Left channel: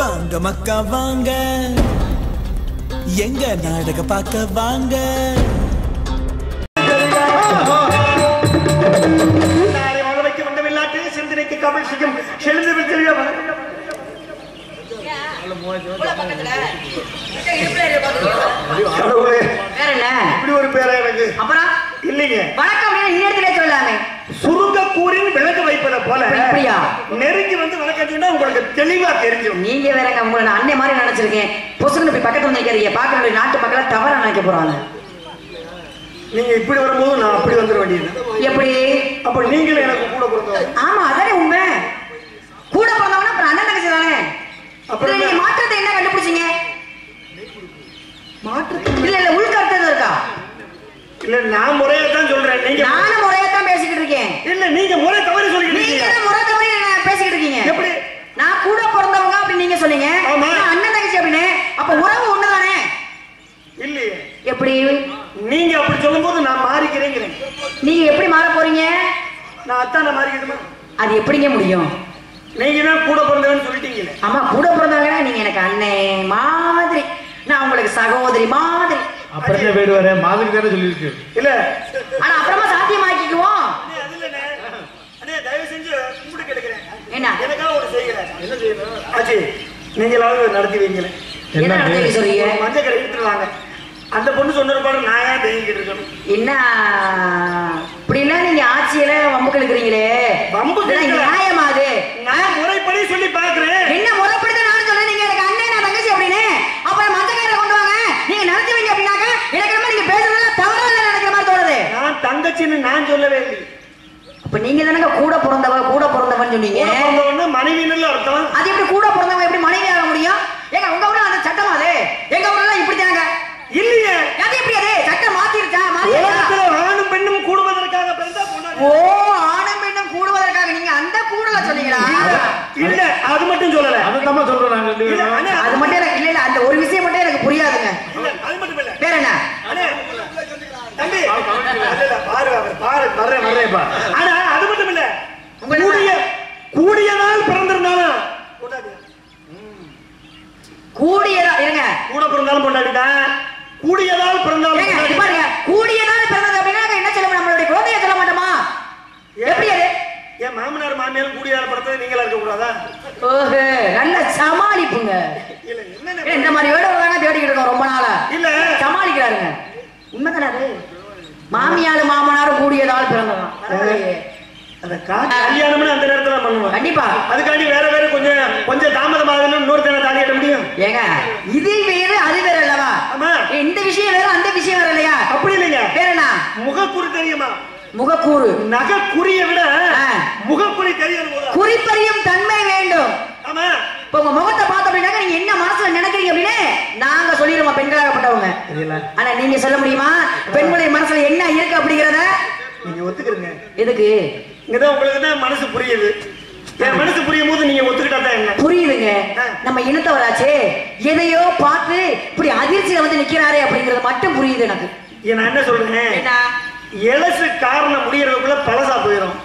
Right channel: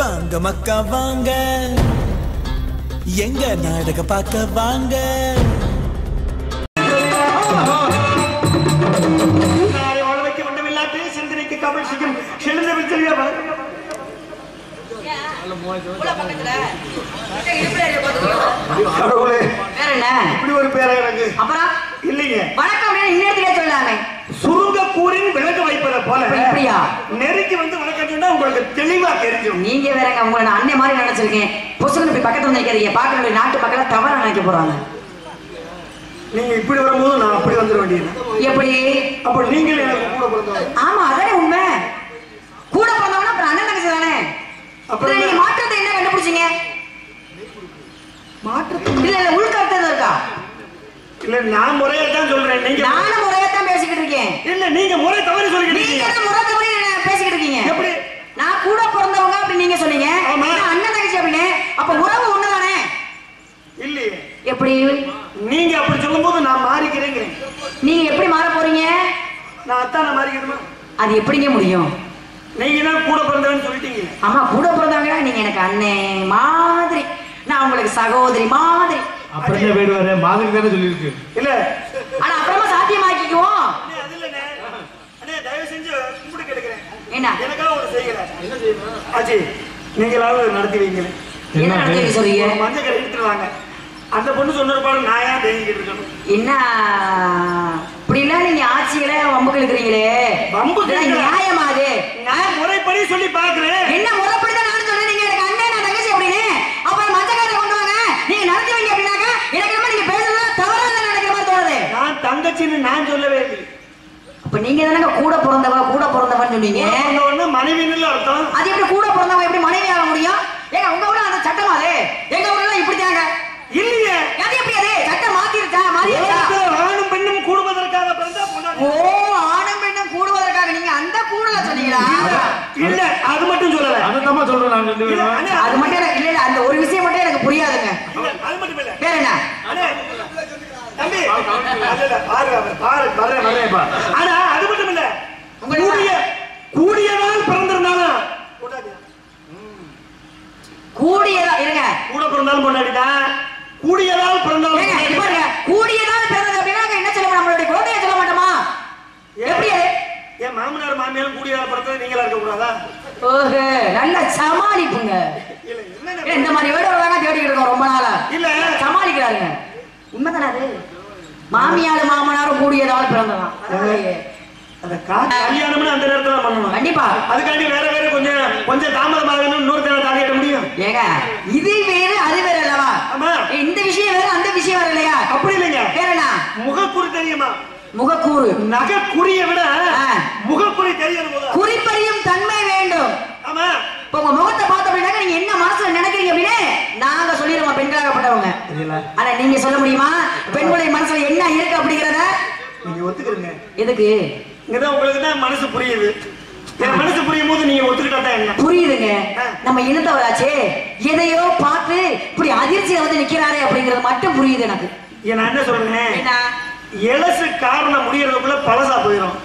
வாங்க மக்கா வாங்க, எங்க நாடக பார்க்க வாங்க. சிந்தனைக்கு கமல் செய்யும் எழுந்தவில் தெரியவா இப்படி ஒரு பேரா எனக்கு அப்புறம் இல்லைங்க. வணக்கம் இன்னிடத்திலே சொல்லாமே சுருங்க கூறின் விளக்கு வைப்பதை போல இப்படியா நெருங்கி வந்து வணக்கம்னா உங்களுக்கு தெளிவா தெரியும். நீங்க வேறங்க உங்களை நான் அன்னை மாதிரி நினைச்சிருக்கேன். பொசுன்னு போய் பக்கத்துல நினைக்கிறீங்க. பாக்குற நாட்டு மக்களை தவறா நினைக்க போறாங்க. நீங்க இப்படி வரும்போது நான் அப்படி வந்துட வேண்டியது எப்படி? அப்ப நீங்களும் எனக்கு கூட பிறந்தவங்க. ஆமா அதானே உண்மை. கூட பிறந்தவனா அப்புறம் அண்ணன் தங்கச்சி தானே. அப்புறம் நீங்க மாற்றத்தை என்ன கண்டுபிடிச்சீங்க? மாற்று இல்ல இல்ல உள்கருத்து இருக்கா? இல்ல நான் முறையா தான் சொல்றேன். நீங்க நானும் முறையா தான் பேசிக்கிட்டு இருக்கேன். இல்ல நீங்க முறை தவறி சொல்லிக்கிட்டு இருக்கீங்க. நீங்க முறை தவறி பேசிக்கிட்டு இருக்கீங்க. எப்படி? நான் கூட பிறந்தவங்க அப்படி நீங்க சொன்னீங்க. அண்ணன் தங்கச்சி அப்படின்னு அப்ப உறவு ஒண்ணுதானே? இல்லையே. எப்படி? நீங்க அப்படி சொல்லும்போது நான் மாறிக்கிறேன். நீங்க எப்படி மாற போறீங்க? நான் அத்தான மாறிக்கிட்டுமா? அது எப்படிங்க முடியும்? நீங்க தான் கூட பிறந்தவன்னு சொல்லிட்டீங்க. ஆமா கூட பிறந்தவங்க. நீங்க எனக்கு அண்ணே மாதிரி, நான் உங்களுக்கு சகோதரி மாதிரி. அப்புறமே வீடு வர மாதிரி தானே சொல்லியிருக்கு. இல்ல ஆனா அப்புறமா சாத்தியமாக்கிக்குவோம். அது இல்லனே. அண்ணே தயவு செஞ்சு கும்பிட்டு கேட்கிறேன். என்ன எனக்காக ஒரு செய்யல. என்ன செய்யணும்? ஆச்சி நீங்களாவது நடத்தி வைங்க. என்ன நடத்தி சொல்றீங்க? மஞ்சள் கரை விட்டுருவாங்க. அந்த பொண்ணு சொன்ன பாரு நான் ஏன் தேங்கிட்டு இருக்கணும்? என்ன இப்படின்னா நீங்க ஆட்சியில வம்பு கெடுக்குறீங்களே. வம்பு நியாயமா அது? நான் முறைப்படி சொல்லி பாக்குறேன். என்ன முறைப்படி தான் நானும் சொல்றேன். நீங்க எனக்கு அண்ணன் நான் தங்கச்சி அப்படின்னு அப்புறம் மஞ்சக்காரரை கொண்டு வாங்க நீங்க நடத்தி வைங்க அப்படின்னாக்க எனக்கு நம்ம நீங்க பேசுறது தவறா நினைக்கிற மாதிரி தோணுது. நான் தங்கச்சின்னு நான் சொல்லவே இல்லை. அப்ப நீங்க தானே கூட பிறந்தவன்னு சொன்னீங்க. மனைவின்னு அர்த்தம். அது எப்படி கூட பிறந்தவங்க எப்படி மனைவி ஆக முடியும்? ஏங்க உங்க ஊர்ல அந்த சட்டம் அது எங்க ஊர்ல இப்படி தாங்க இல்லையே. அது எப்படி அது சட்டம் மாத்திருச்சா? மாத்திருச்சா? ஆணும் பெண்ணும் கூடுவதற்காக பிறந்தா பொண்ணா? ஓ ஆணும் பெண்ணும் கூடுவதற்காக நீங்க அந்த கூடல சொன்னீங்களா? இல்ல அது மட்டும் சொல்லல. அதுதான் சொல்றோம் நாங்க ரெண்டு பேரும். அது மட்டும் எனக்கு இல்ல இல்ல அந்த ஒரு விஷயம் மட்டும் எனக்கு புரியாதுங்க. அது மட்டும் இல்ல. வேற என்ன? அண்ணே தம்பி அதல பாரு வரேன் பா. ஆனா அது மட்டும் இல்ல. கூடியதால் பிறந்திருந்தாலும் கொண்டாடியா? கூடியதா இருங்க. கூட பிறந்தாலும் கொண்டாடிட்டான். கூடியதால் பிறந்தாலும் பாருங்க. கூடியதால் பிறந்தது அப்படின்னா என்ன சொல்ல நம்மளுடைய குழந்தைய சொல்ல மாட்டோமா? எப்படி அது? ஏன் மாமனார் மாமியாரும் கூடியதால் பிறந்தது நீங்களா இருக்க கூடாதா? ஓஹே நல்ல சமாளிப்புங்க. இல்ல என்ன இந்த மாதிரி வேட வேணா தேடிக்கிட்டு இருக்கோம் ரொம்ப நாளா. இல்ல சமாளிக்கிறாருங்க. உண்மைதானே அது? மாமியாரும் மாமனாரும் கூடியதால் பிறந்ததான். அந்த கல்யாணம்னு அந்த நேரத்துல பண்ணுவோம். கண்டிப்பா. அதுக்காண்டி வேற கொஞ்சம் தாமதமாக இன்னொருத்தனை தாலி கட்ட முடியும். ஏங்க இது வேறு அது வேற அல்லவா? ஆமா. இந்த விஷயம் வேற அந்த விஷயம் வேற இல்லையா? அப்படி இல்லைங்க. வேற என்ன? முகக்குறி தெரியுமா? முகக்கூறு. நகைக்குறியை விட முகக்குறி தெரியணும். குறிப்பறியும் தன்மை வேண்டும். ஆமா. இப்ப உங்க முகத்தை பார்த்த அப்படின்னா நீங்க என்ன மனசுல நினைக்கிறீங்க அப்படின்னு நாங்க சொல்லிடுவோம் பெண்களாகப்பட்டவங்க. ஆனா நீங்க சொல்ல முடியுமா பெண்களுடைய மனசுல என்ன இருக்கு அப்படிங்கறத? நீங்க ஒத்துக்கிறீங்க. எதுக்கு? இங்கதான் உங்களுக்கு தான் மனசு புரியுது. என் மனசு புரியும் போது நீங்க ஒத்துக்கிட்டா தான் என்ன புரியுதுங்க. நம்ம இனத்தவராச்சே எதையோ பார்த்து இப்படி அதிர்ச்சியில வந்து நிக்கிறாரே அப்படிங்கறது மட்டும் புரியுது எனக்கு. நான் என்ன சொல்றேன், எலசு காரணம் முடியறதுக்குள்ள பழசா போயிடும்.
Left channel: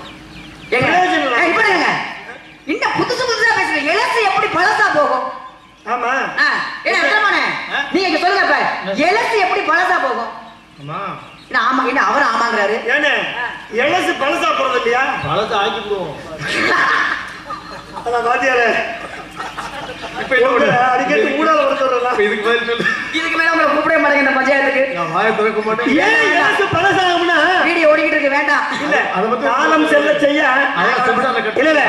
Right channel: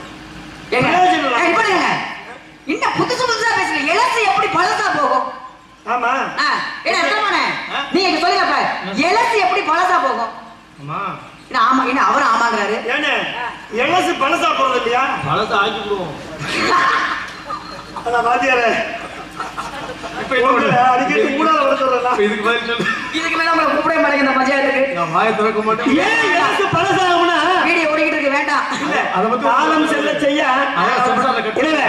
இன்னும் புதுசு புதுசா பேசுறேன். எலசு எப்படி பழசா போகும்? ஆமா. நீங்க சொல்லுங்க எலசு எப்படி பழசா போகும்? ஆமா என்ன அவரும் ஆமாங்கிறாரு. ஏன்னா எலசு பழசா போறது இல்லையா? பழசா ஆக்கி விடுவோம். அதான் பாத்தியாரே அடிக்கடி மூடால வர சொல்றேன். இதுக்கு மேல உங்களை கூப்பிடவே மாட்டேங்க இந்த பஞ்சாயத்துக்கு. நான் வாயை திறக்க மாட்டேன். ஏன் எலசு பழசாகும்னா வீடியோ ஓடிக்கிட்டு இருக்கு வேண்டாம். இல்ல காலம் செல்ல செய்ய இல்ல இல்ல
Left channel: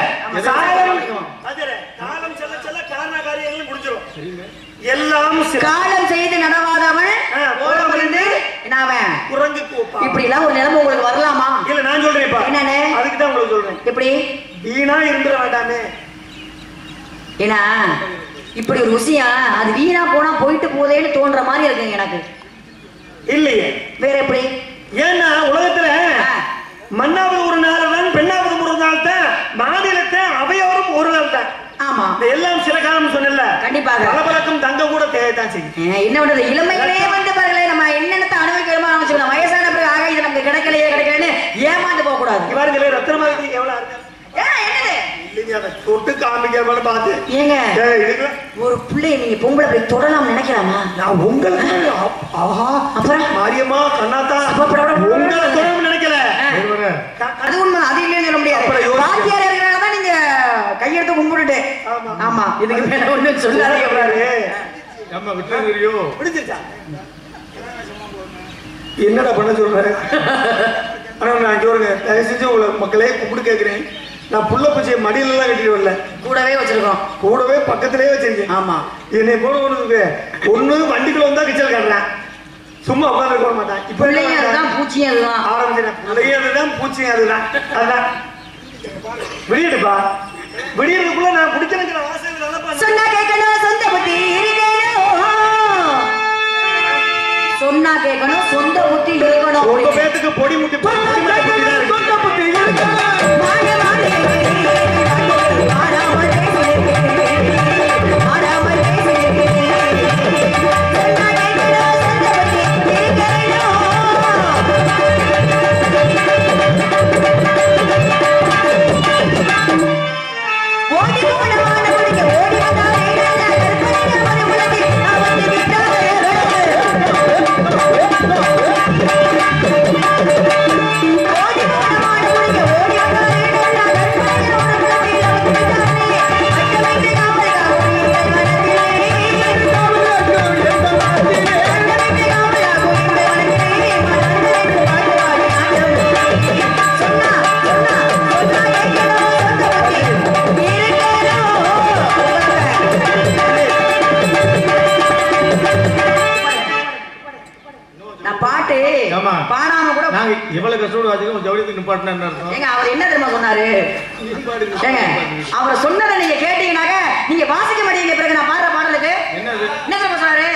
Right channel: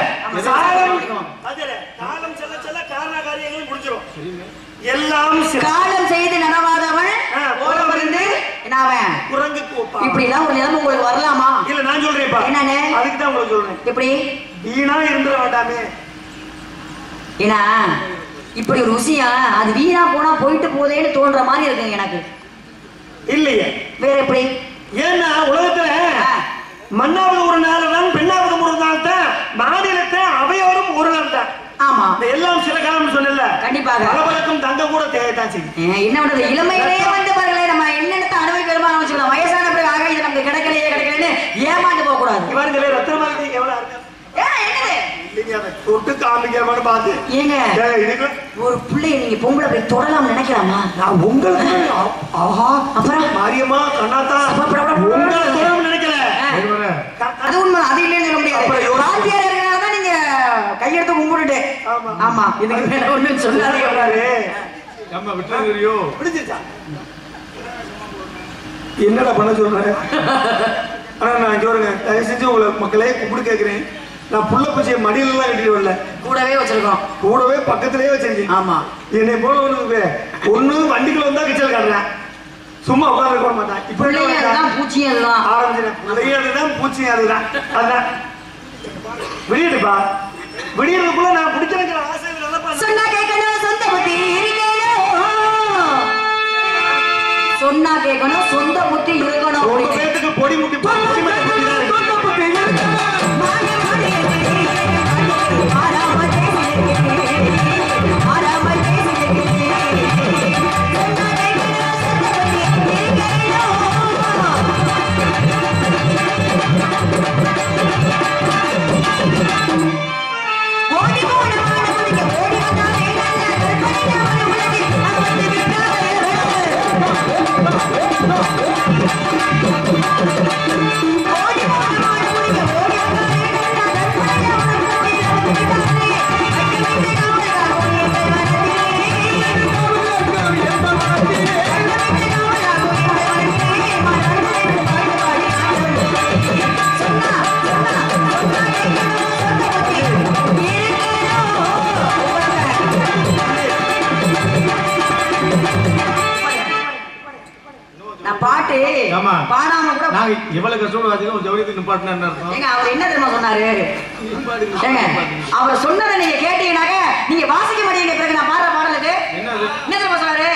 காலம் செல்ல செல்ல காரண காரியங்களும் முடிஞ்சிடும். எல்லாம் காலம் செய்து நடவாதவன் குரங்கு இப்படி எல்லாம் ஒரு நிலைமை உங்களுக்கு வரலாமா? இல்ல நான் சொல்றேன்ப்பா. என்னன்னு? அதுக்கு தான் உங்களுக்கு சொல்றேன். எப்படி வீணா இருந்துட வேண்டாமே. ஏன்னா இப்படி ஒரு விஷயம் அது வீணா போனா போயிட்டு போதேன்னு தோன்ற மாதிரி இருக்குங்க எனக்கு. இல்லையே வேற எப்படி? ஏன்னா உலகத்துல மண்ணாவது ஒரு நாள் தான் பெண்ணாவது ஒரு நாள் தான் மாநிலத்தை அவையோரும் ஒரு நாள் தான். ஆமா எல்லாம் சில காலம் சொன்னல. கண்டிப்பாக பலபலக்கும் தங்க கூட தேவைதான் செய்யும். என்ன பண்றது இளமையிலேயே வந்து பாருங்களேன் நம்ம என்னென்னத்தை அனுபவிக்கிறோமோ ஆரம்பிச்சுக்கலாம். வயசான பிறகு ஆக இது நமக்கு கிடைக்கலையே கிடைக்கலன்னு ஏமாந்து போக கூடாது. பாருங்களே ரத்னமாகி எவ்வளவு என்னது தொட்டு காமிக்காம பார்த்து ஏங்க ஒரு பிள்ளை நீங்க பொம்பளை போய் தொடலாம் நினைக்கலாமா? நான் உங்களுக்கு ஆஹா அப்புறம் மாரியம்மா கண்ணாத்தா உங்களை தொடலாம் நினைக்கல. அது உண்மை, அது இல்லைன்னு சொல்ல முடியாது. வாத்தியார் இருக்கிறனால தான் நீங்க கையெடுத்து கும்பிட்டுட்டு. ஆமா, இதுக்கு மேல ஒண்ணும் சொல்லாதீங்க. நம்ம விட்டுறியோ பிடிச்சிருச்சா? என்னடா பண்ண சொல்றேன்? ஆனா நான் சொல்றேங்க, தயவு செஞ்சு உங்களை மக்களே கும்பிட்டு கேட்கிறேன். நான் புள்ள பூச்சியை மடியில எல்லாம் கட்டிட்டு வரல, கூடவே வச்சிருக்கோம். கூடவே பக்கத்திலேயே வச்சிருக்கேன். ஆமா, என்னை போல ஒண்ணு வண்டிக்குள்ள வந்தா கிச்சல் காட்டுறேன், சும்மா உட்காந்து போட மாட்டேன். இப்ப அதுதான் பூச்சியும் அதுதான் ஆரம்பிச்சிட்டேன். பிள்ளையும் அதுதான் பூச்சியும் அதுதான். அதுதான் விடியடுப்பா, விடியறதுக்குள்ள நான் பிடிச்சிருக்கிற ஆசைகள் சொன்னா கேட்கணும், சொந்த புத்தி இருக்கணும். சொன்னா கேட்கணும், சொந்த புத்தி இருக்கணும். ரொம்ப பேருக்கு பொடி முட்டி பொடி முட்டி சொந்த புத்தி இருக்கணும். பாடாம கூட நாங்க எவ்வளவு கஷ்டப்பட்டு வாசிக்கிறோம், ஜவுளியத்துக்கு நிப்பாட்டினா என்ன அர்த்தம்? ஏங்க அவர் என்ன தெரியுமா சொன்னாரு? ஏங்க அவர் சொன்னதை நீங்க கேட்டீங்கன்னாக்க நீங்க வாசிக்க மாட்டீங்க. பிறகு நான் பாடுற பாடலுக்கு என்ன தெரியுமா சொன்னாரு?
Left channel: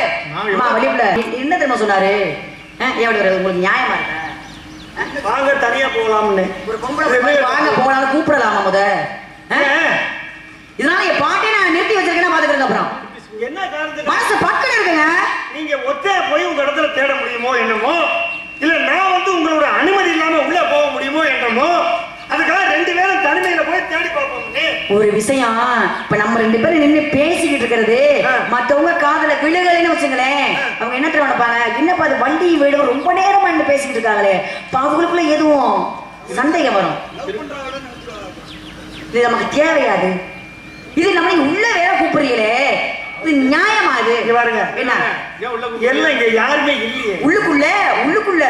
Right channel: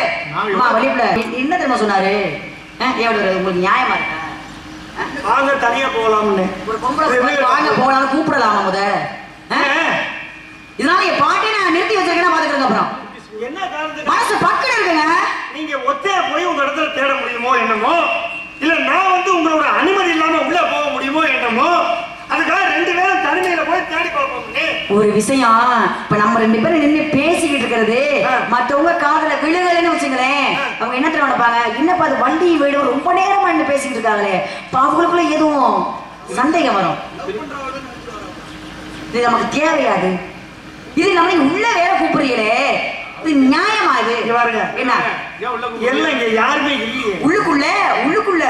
வெளிப்புல என்ன தெரியுமா சொன்னாரு? உங்களுக்கு நியாயமா இருக்கா? வாங்க தனியா போகலாம்னு ஒரு பொம்பளை வாங்க போகலாம் கூப்பிடலாமா முத? இதனால என் பாட்டை நான் நிறுத்தி வச்சிருக்கேன்னா பாத்துக்கிறேன். அப்புறம் என்ன காரணத்துக்கு மனசு பக்கம் இருக்குங்க. நீங்க ஒத்தையா போய் உங்க இடத்துல தேட முடியுமோ என்னமோ, இல்ல நான் வந்து உங்களோட அனுமதி இல்லாம உள்ள போக முடியுமோ என்னமோ, அதுக்காக ரெண்டு பேரும் தனிமையில போய் தேடி பார்ப்போம். ஒரு விஷயம், இப்ப நம்ம ரெண்டு பேரும் நின்று பேசிக்கிட்டு இருக்கிறது மத்தவங்க காதல விழுகலைன்னு வச்சுங்களேன், அவங்க என்ன தெரியும் நினைப்பாங்க, என்னப்பா அது வண்டி வீடு ரொம்ப நேரமா நின்று பேசிக்கிட்டு இருக்காங்களே, அவங்களுக்குள்ள எதுவும் சந்தேகம் வரும். இது நமக்கு தேவையாது. இது நம்ம உள்ள வேற கூப்பிடுறீங்களே, இது நியாயமா? இது பாருங்க, என்ன எல்லாம் இங்க யாருமே இல்லையே. உள்ளுக்குள்ள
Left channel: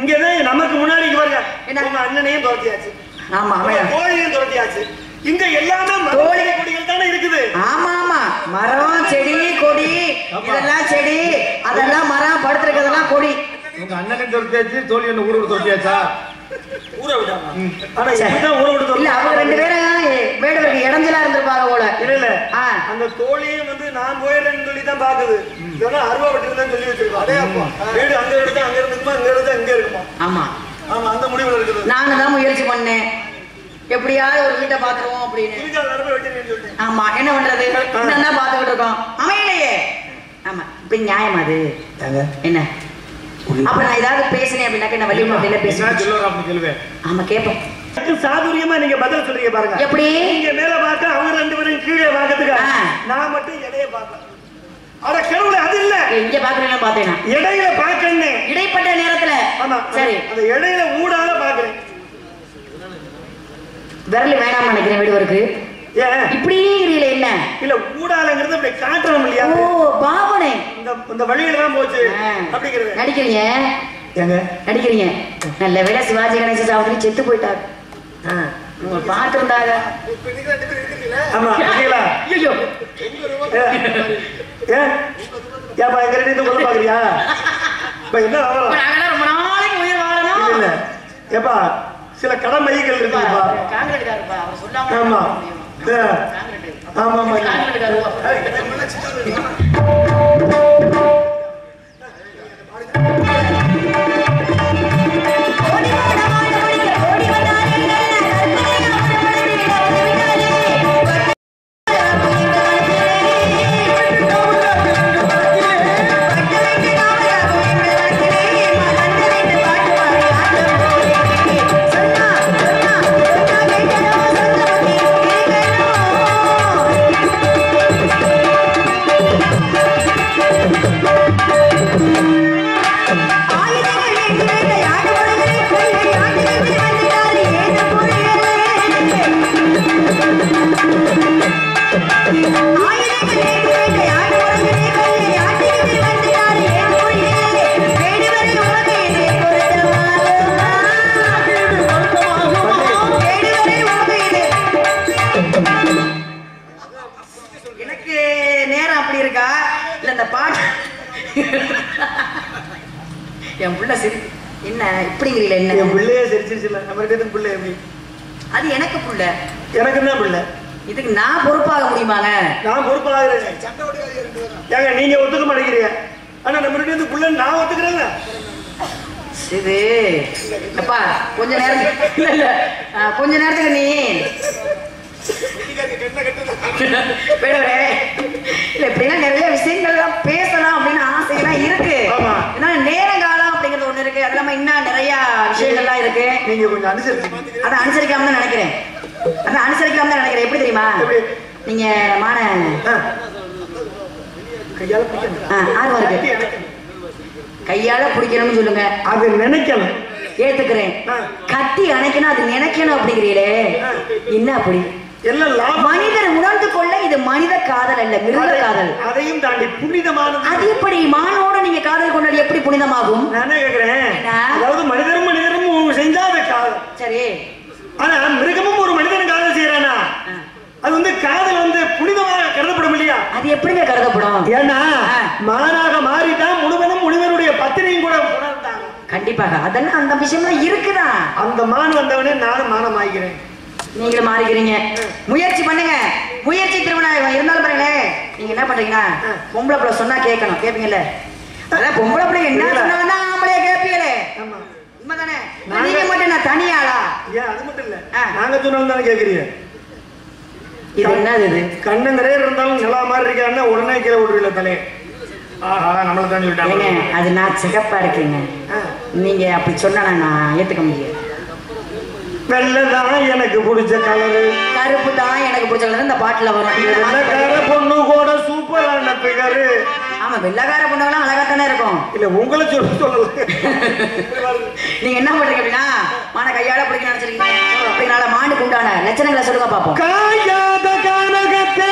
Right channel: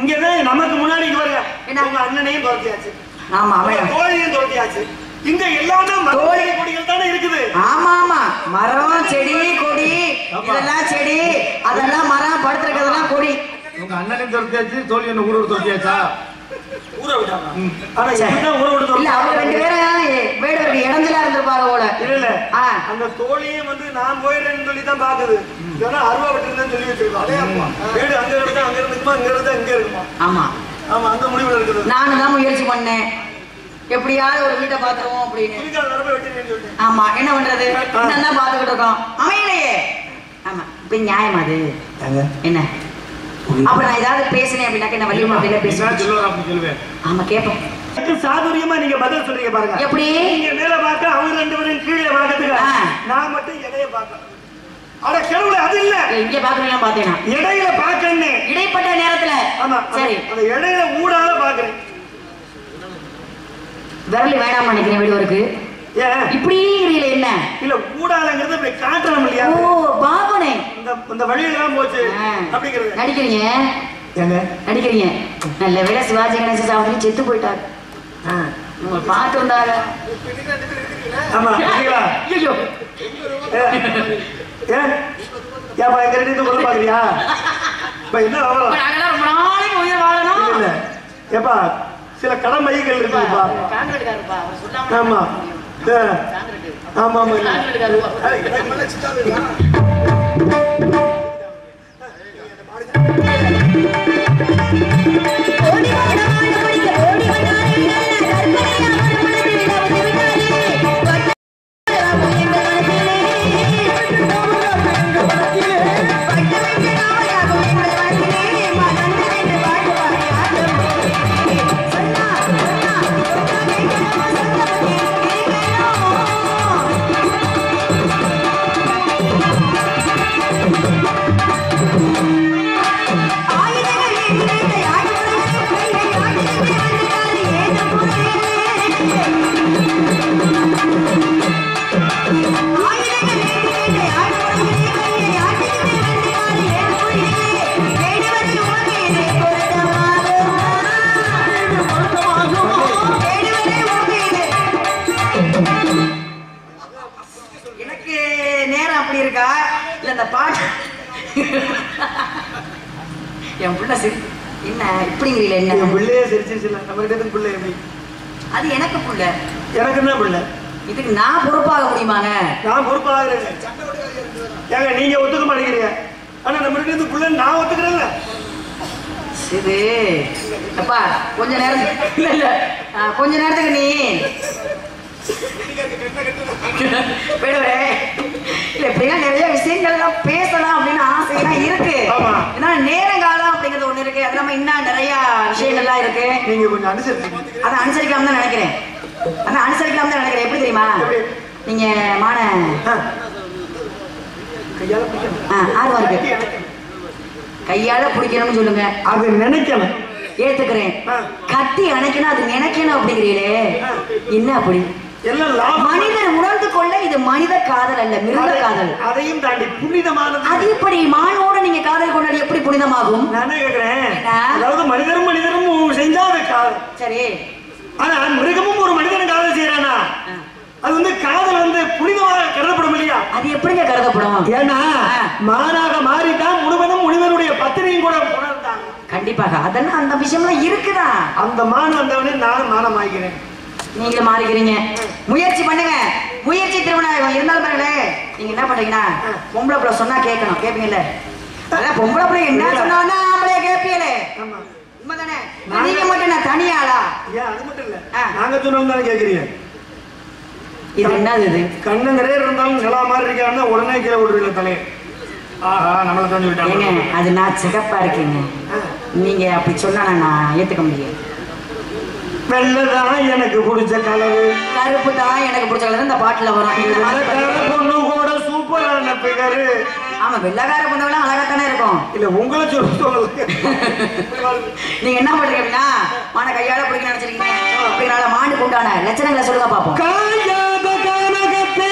இங்கதான் நமக்கு முன்னாடி பாருங்க, உங்க அண்ணனையும் துரத்தியாச்சு, ஆமா தோழியும் துரத்தியாச்சு. இங்க எல்லாமே தோழி கொடிகள் தானே இருக்குது. ஆமா ஆமா, மரம் செடி கொடி இதெல்லாம் செடி, அதெல்லாம் மரம், படுத்திருக்கிறதெல்லாம் கொடி. உங்க அண்ணனையும் துரத்தியாச்சு, தோழி என்ன ஊரை துரத்தியாச்சா? ஊரை விட்டாங்க. ஆனா என்ன ஊரை விட்டு இல்ல, அவங்க ரெண்டு பேரும் வேடுவருக்கு இடைஞ்சலா இருந்திருப்பாங்க போல. இல்ல அந்த தோழியும் வந்து நான் போயிடுறேன்னு சொல்லி தான் பாக்குது. ஏன்னா அருவா விட்டுருந்தேன்னு சொல்லி வச்சிருக்கோம். அதே அப்பா வீடு அங்க இருந்தா அங்க இருக்குமா, இங்க இருந்தா இங்க இருக்குமா. ஆமா ஆமா, அந்த முடிவுல இருக்குது. நானும் தான் முயற்சி பண்ணேன், எப்படியாவது ஒரு வீட்டை பாத்துருவோம் அப்படின்னு. ஆமா, என்ன பண்றது, இன்னும் பாத்துக்கிட்டு இருக்கோம், அமையலையே. ஆமா, இப்ப நியாயம் அது என்ன? அப்ப நான் ஏதாவது பேசினேன் அப்படின்னாக்க நான் வள்ளியம்மா அப்படில பேசுவேன். ஆமா, கேட்போம். சாதுரியமா நீங்க பதில் சொல்றீங்க பாருங்க. எப்படி நீங்க மேல பார்க்க, அவங்க ரெண்டு பேரும் கீழே பார்க்கறதுக்கு, நான் மட்டும் இடையே பார்க்க. அட கேவல அது இல்ல, இங்க பாக்குறீங்க பாத்தேனா இடையில பார்க்கணும், இடைப்பட்ட நேரத்துல. ஆமா சரி, அந்த இடையில ஊடால பார்க்கறேன். விரல் வேணாம் நினைக்கிறேன் வீடுவருக்கு. ஏன் இப்படி இல்ல? என்ன இல்ல, ஊடாலங்கிறது அப்படி காட்டணும் இல்லையா? ஓ பாவனே, இந்த வழியில தான் போச்சு அப்படிங்கிறது. நடிக்கிறீங்க ஏங்க நடிக்கிறீங்க. நல்ல வேளை சிவாஜி கணேச சாவடி செத்து போயிட்டாரு. உங்க பாட்டு வந்தாங்க. ஆமா கேளா. ஐயோ ஏப்பா எங்க ரெண்டு கொள்ள பாக்குறியா? என்ன ரொம்ப நாளைக்கு உயிர் வாழணும். இல்ல ஏப்பா, சில கடமைகள் இருக்குப்பா. காங்கிரட்காரப்பா அவர் சொல்லாம. ஆமா ஆமா ஆமா என் புள்ள சரி என்ன இப்படிங்கிறீல என்ன என் பிள்ளையே சிரிச்சிருச்சுல நம்ம கிட்ட பிள்ளை எப்படி அது எனக்கு புள்ள எனக்கு என்ன பிள்ளை இதுக்கு நான் பொறுப்பாக முடியுமாங்க நான் பொறுப்பாகிறேன் ஏங்க நீங்க ஒத்துக்க மாட்டேங்கிறீங்க ஆனா நம்ம கிட்ட புள்ள நான் ஒத்துக்கிறேன்ல இது அப்பா கொஞ்ச நேரத்துக்கு இல்ல கொஞ்ச நேரத்துக்கு நீ இல்ல இப்படிலாம் நிறைய விஷயங்கள்லாம் பேசலாம் அப்படின்னு ஆசையெல்லாம் இருக்கு ஏன்னா நேரங்காலம் அப்படிங்கிறது ஒண்ணு இருக்கு அது இல்லாம இன்னும் நிறைய விஷயங்கள்லாம் இருக்கு நீங்க கொஞ்சம் அனுசரிச்சு அதை அனுசரிக்கலாம் தான் நினைக்கிறேன் எப்படி தெரியுமா நீங்க மான ஆர்வம் இருக்கு கையால பிடிக்கணும்னு சொல்லுங்க அது நினைக்கணும் ஏத்துக்கிறேன் கட்டி அணைக்கணும் அது நினைக்கணும் அப்படிங்கிறீங்களே என்ன அப்படி மனிதர் உணர்ந்து கொள்ள இது மனித காதல் அல்ல மிருக காதல் அதையும் தாண்டி புனிதமானது அது எப்படி மானோட நீங்க காதல் கொண்டது எப்படி புனிதமாகும் நான் கேக்குறேன் அதாவது மனிதரும் செஞ்சா அது காதல் சரி ஆனா மிருகமும் ஒரு மனிதனும் காதல் செய்யறானா அது வந்து காதல் வந்து புனிதமாக கருதப்படும் இல்லையா அது எப்படிங்க கருதப்படும் ஏன்னா மானாக மாறிதான் முனிவனுடைய பத்திரியும் கூட உணர்ந்தாங்க கண்டிப்பாக அதெல்லாம் அந்த விஷயம்லாம் இருக்குதான் அந்த மான் வந்தவனே நானும் மானம் ஆகிறேன் நீங்களும் மாறிக்கிறீங்க முயற்சி பண்ணுங்க முயற்சி திருமணம் இருந்தாலும் பாருங்களேன் நீங்க என்ன பண்றீங்கன்னா பொம்பளை பிள்ளை சொன்னா கேட்கணும் கேட்பீங்கல்ல அதான் பொம்பளை பிள்ளை என்ன சொன்னா ஆம்பளைய கேட்பீங்களே உண்மைதானே நீங்க மட்டும் நான் தனியாளா ஏன் அது மட்டும் இல்ல நாங்க சொன்னோம் தானே கேக்குறீங்க இது என்னது இது கண்ணு நிறைய இருந்தாலும் நிலா மாதிரி இருக்காருன்னா உடனே கீழே விடுறீங்கள தலையை நம்மள தான் சொல்லிட்டாங்க அது நான் சிகப்பா இருக்கீங்க நீங்க அப்படி சொன்னா நான் ஏத்துக்க முடியாது வெள்ளதான் எனக்கு பிடிச்ச கலரு கருப்பு தான் எனக்கு பிடிச்ச கலர் இந்த பாட்டுல வரும் பொண்ணு கூட சூப்பரான பிகரு ஆமா வெள்ளக்கார பொண்ணுலாம் அழகாத்தானே இருக்கும் இல்ல உங்களை சொல்லு நீங்க என்ன பண்றீங்க அப்படின்னா மான கையால பிடிக்க நினைச்சிருக்கீங்க அப்படினால மானுக்கு உண்டான லட்சணங்களை சொல்லுங்க பாப்போம் காயாத கானகத்தே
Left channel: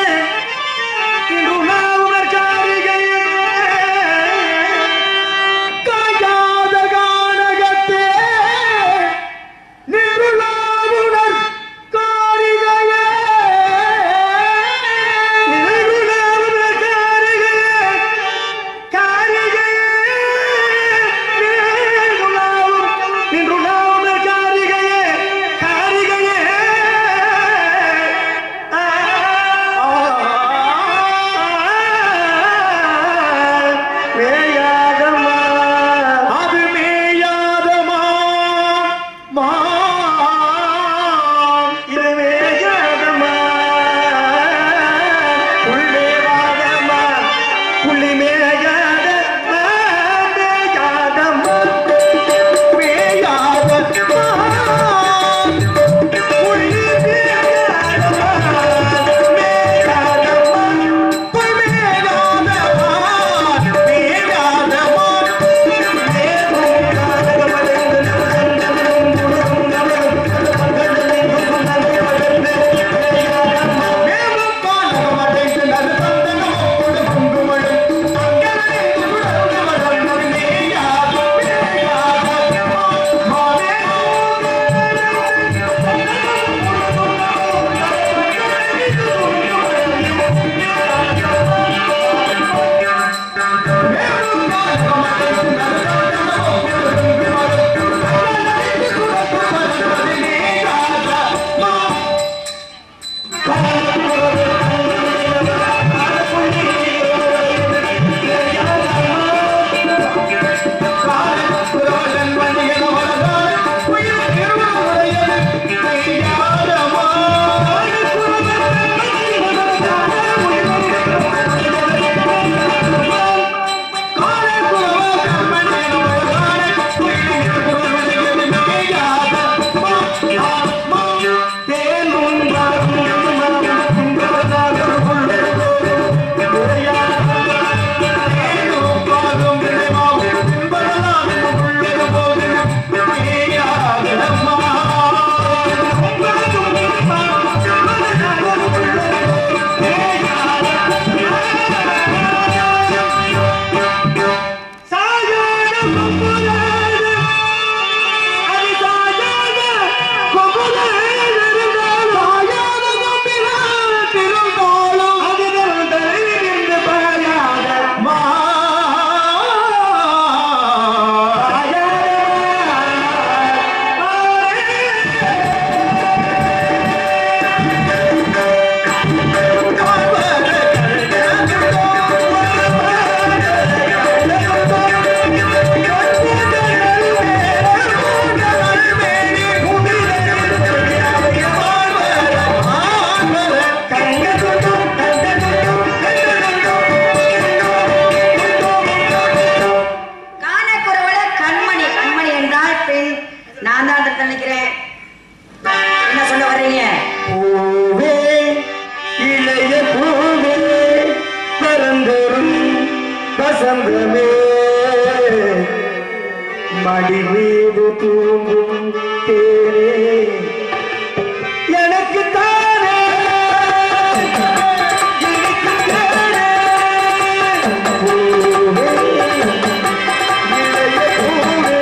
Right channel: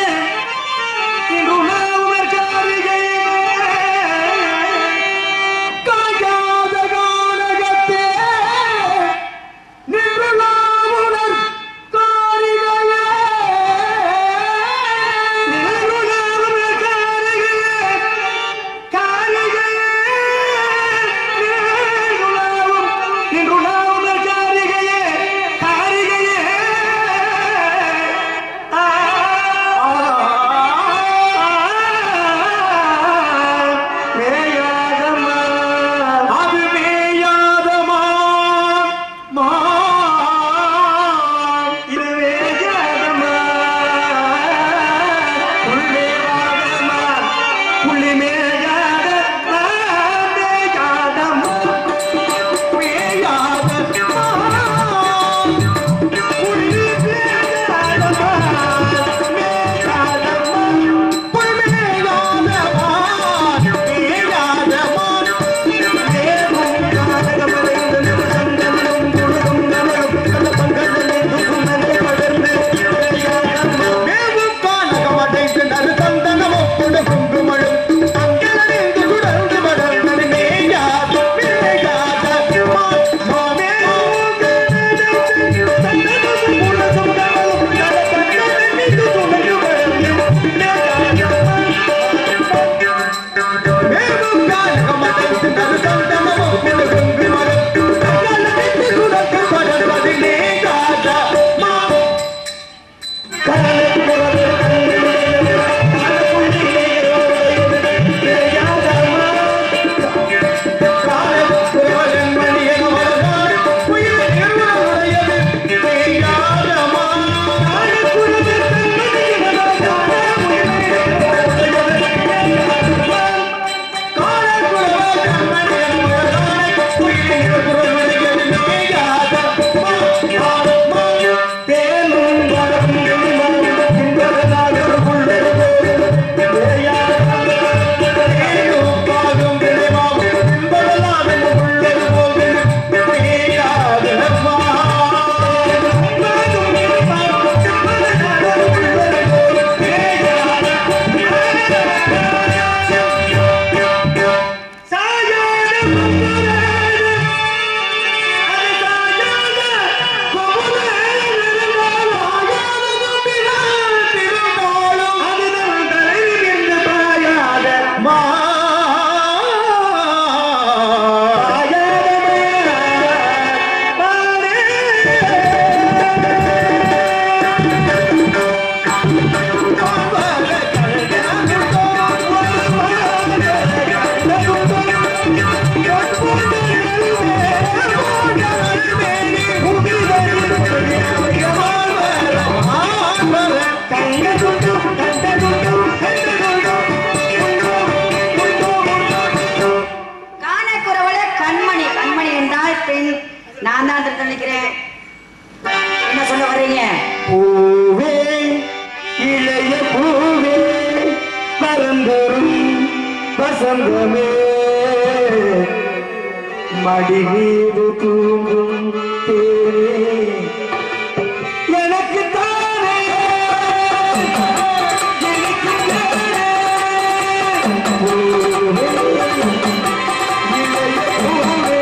வசந்தமே மடி மீது தூங்கும் தேரே எனக்கு தானே எனக்கு தானே பூவே இளைய பூவே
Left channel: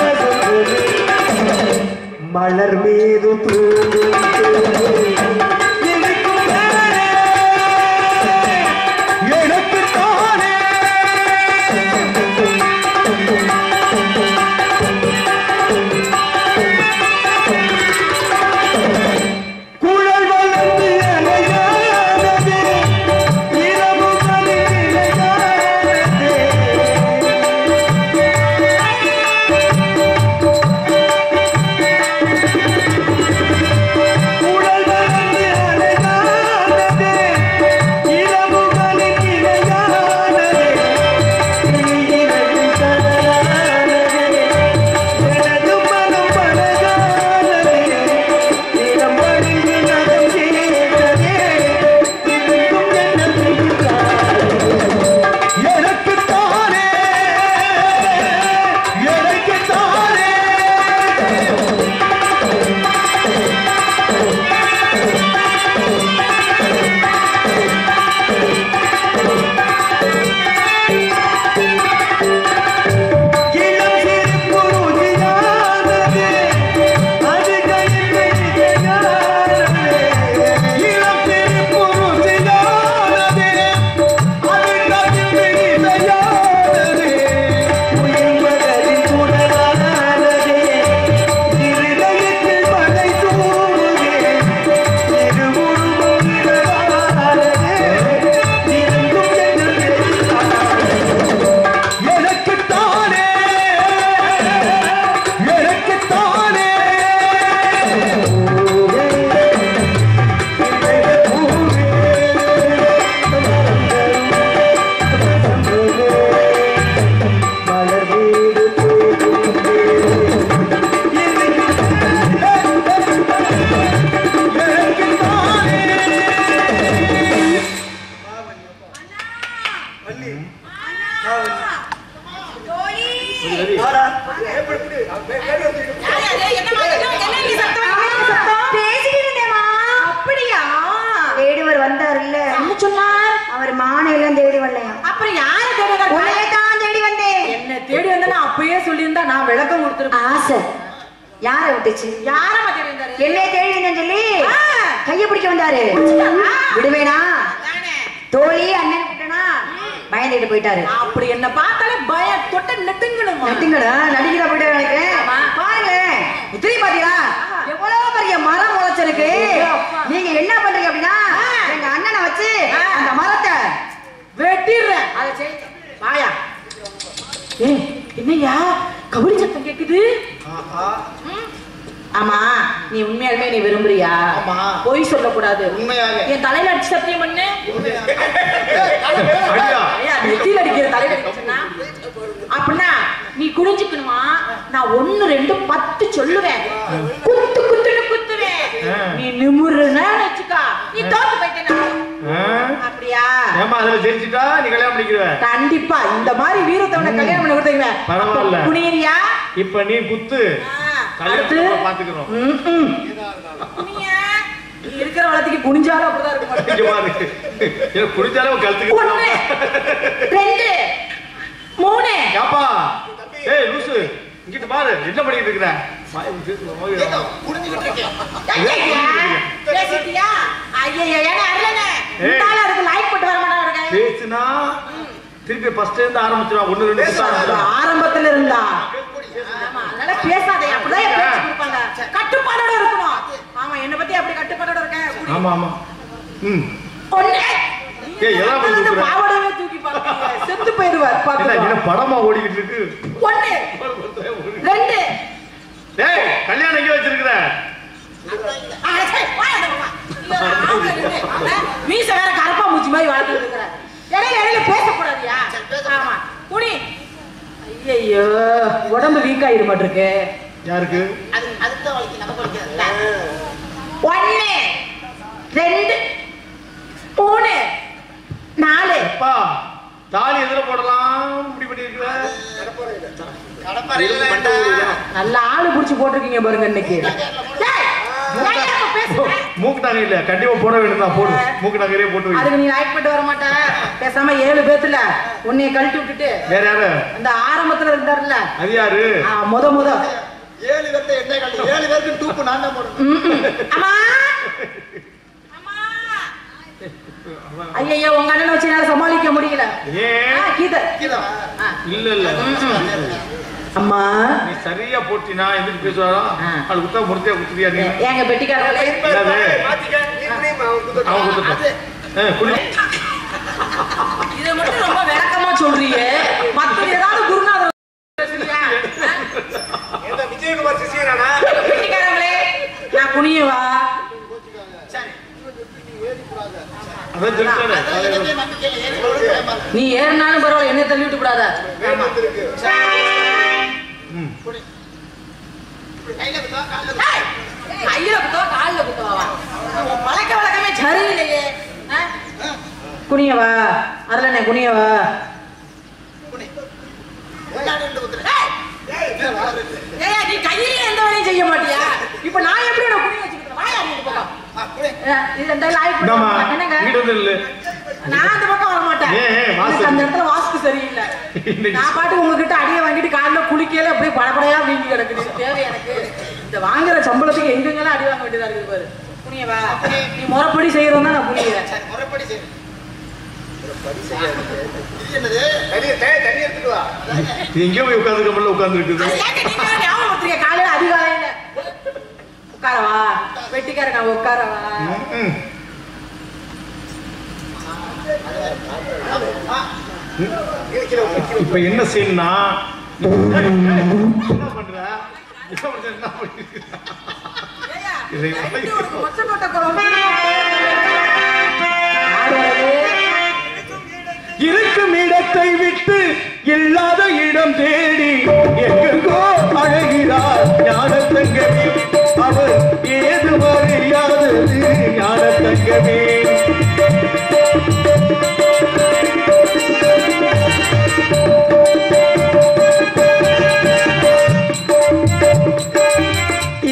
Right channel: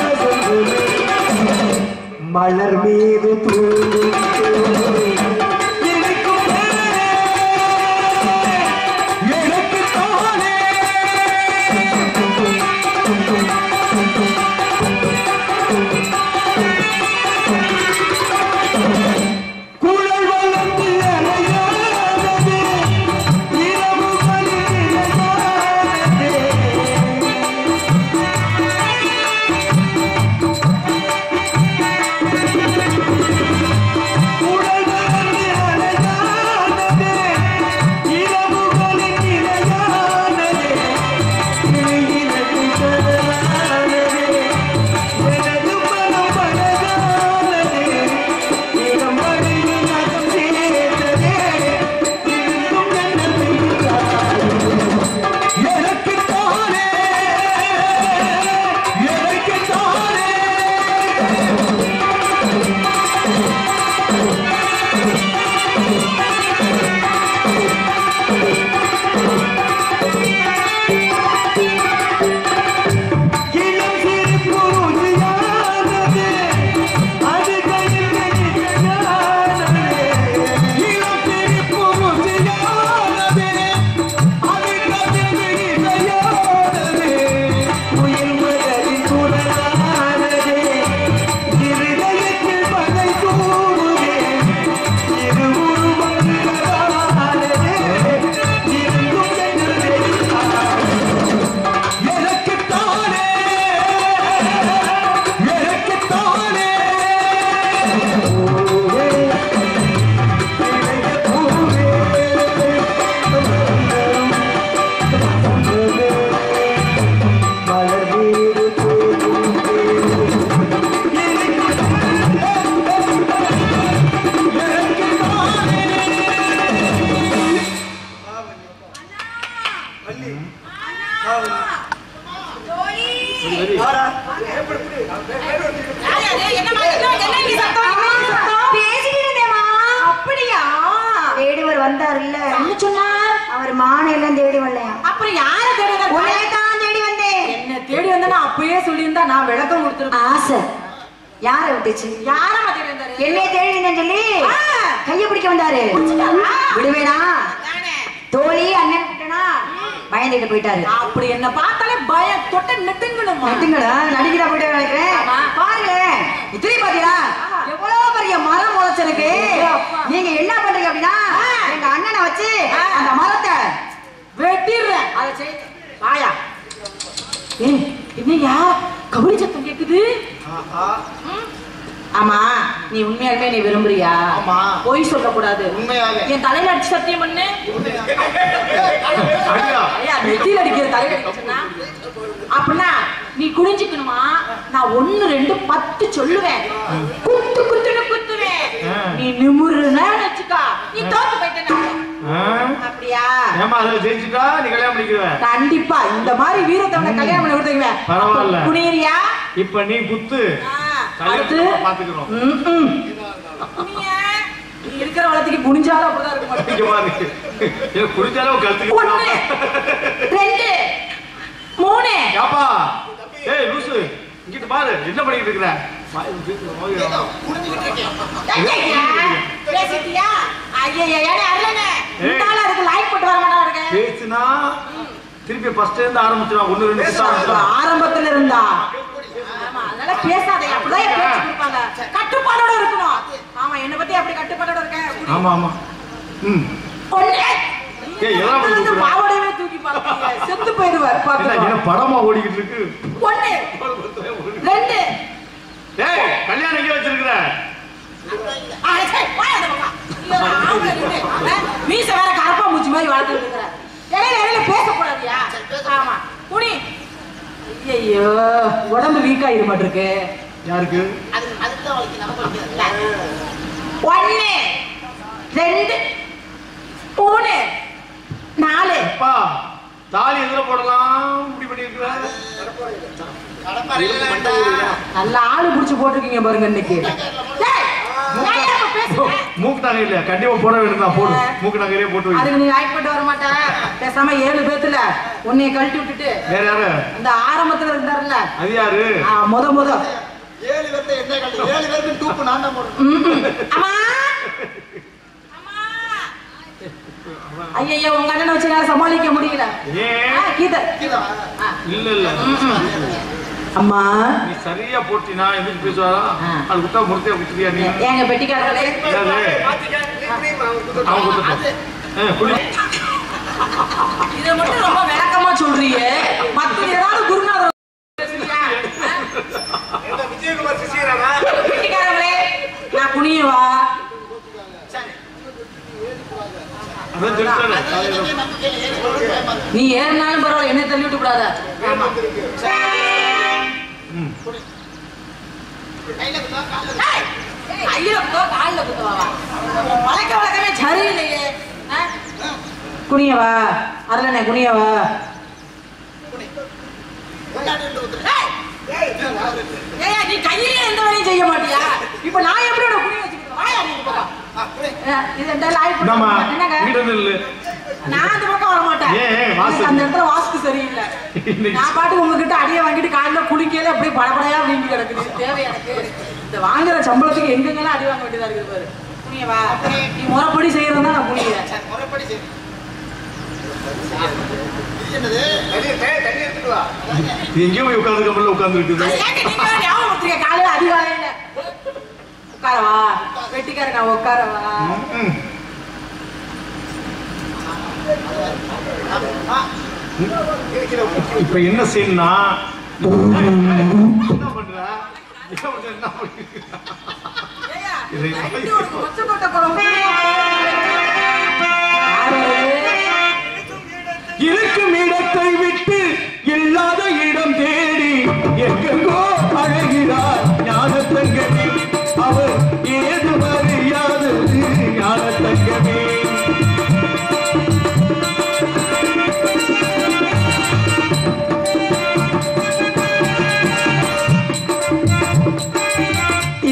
வசந்தமே மலர் மீது தூங்கும் தேரே கண்டிப்பா இந்த மாதிரி வீரத்தவனை கல்யாணம் பண்ணி கொடுத்தீங்க பரவாயில்ல புனியா இப்ப நீ குத்து அடுத்து பாத்துக்கிறோம் நீ இருக்கிற வளத்துக்கு குனிஞ்சாலும் அப்படிதான் இருக்கும் குனிஞ்சாலும் கழுத்துக்கு 1 2 3 யாப்பா ஏய் லூசு இங்கிட்டு பாரு என்ன பண்ணிட்டு இருக்கற புடிஞ்சிட்டு இருக்கேன் பேசிட்டியா ஐயே ஏனே அறலனே இந்தால இருக்கு லைக் போட்டு வர மாட்டாங்க பேசினா திருப்பி ஃபர்ஸ்ட் இருந்து ஆரம்பிச்சா 1 2 ஆரம்பத்துல இருந்தா ஆமா அதனால பேசாதே அப்படியே பேசி கொடுப்பாங்க கட்டுப்பாடோட இருக்கணும் ஆமா என்ன பத்தி அப்படி கட்டுப்பாடோட இருக்கேன் ஆமா ஆமா ஒண்ணே ஏய் எல்லாம் வந்து பாவடவே தூக்கி பாருங்க செத்து போயிடுவார் பாப்பா என்ன படமா ஓடிக்கிட்டு இருக்கு 1 2 டேய் கல்யாணம் எங்க வச்சிருக்கற மீச வேற கரப்பா மூஞ்சி மாதிரி வளர்த்து இருக்கற இடையில பேச கூடாதியா ஆமா புனி ஐயோ உடம்பு வீக் ஆயிர மாட்டிருக்கு யாருக்கு அதுக்கு வலிக்கு நம்ம வலிக்குதுல 1 2 3 4 அப்பா தாலி எதுல போடலாம் இப்படி பண்ணிருக்கிற நல்ல ஆளு புடிச்சு போட்டிருக்கீங்க பாருங்க இன்னைக்கு. மூக்கு நகை இல்ல கண்டிப்பா போட வேண்டியதான் போடு மூக்கு நகையே போட்டு வை. அதுக்கு நீ ரைட் பண்ணி வர மாட்ட. பேசாம 7 பேத்துல உன்னைய கழட்டி விட்டுட்டு வேற யாரு அந்த ஆரம்பத்துல இருந்தாருல்ல அது யாரு முத 7 பேர்த்த என்ன கழட்டி 7 பேருக்கு டூப்பு நான் தான் போடுறேன். அம்மா ஐயோ உங்க அண்ணனை வச்சு என்னால சமாளிக்க முடியல. கீதா இல்ல இல்ல அம்மா நீ சரியா போட்டினா எதுக்கு பேசுவாரா அது குத்தா முடிச்சே குத்துறியா நீ ஏங்க பெட்டிக்காரங்களே அவன் குத்துட்டான் இத மட்டும் ரொம்ப விளக்கமா சொல்றீங்க. மத்த ஏதாவது குருநாதர் இந்த விஜயகுமார் சிசியரானா பெட்டிக்காரங்களே நான் குனியவா நீ ஏறினாலும் பரவாயில்ல என்ன தள்ளி விட்டு கூடாத. பழக்க வழக்கமே சரியில்லையே. குனியவா அதுல குனியவா நீ கையிலே எந்த வேலையும் செய்ய மாட்டியா? இப்ப நான் எப்படி குனிய வச்சுக்கிறேன்? நான் அந்த பக்கம் வர மாட்டேன். அந்த இடத்துல வாஸ்து சரியில்லை. நான் பாட்டு உங்ககிட்ட அடியை வாங்கிட்டு காலைல குளிக்கல அப்படியே படப்படையா வீங்கி கிடக்குது. தேவை எனக்கு இந்த வாங்குற சம்பளத்துக்கு எங்கெங்கெல்லாம் அடி வாங்க வேண்டியதா இருக்குது பாரு. புனியவா நீ முறைப்படி செய்யறதா நான் புனியறேன். முறைப்படி செய்ய எங்கேயோ போய் உட்கார்ந்து உட்கார்ந்து இருக்குது. காலையில அதிகாலையில உட்காரவா வெட்டிக்காரங்க உட்காரவா இப்ப என்ன செய்யணும்னா என்ன பண்ற இருக்கும் இடத்தை விட்டு இல்லாத இடம் தேடி எங்கோ அழகிறார் ஞானத்தங்கமே அவர் ஏது அறியாதது ஞானத்தங்கமே.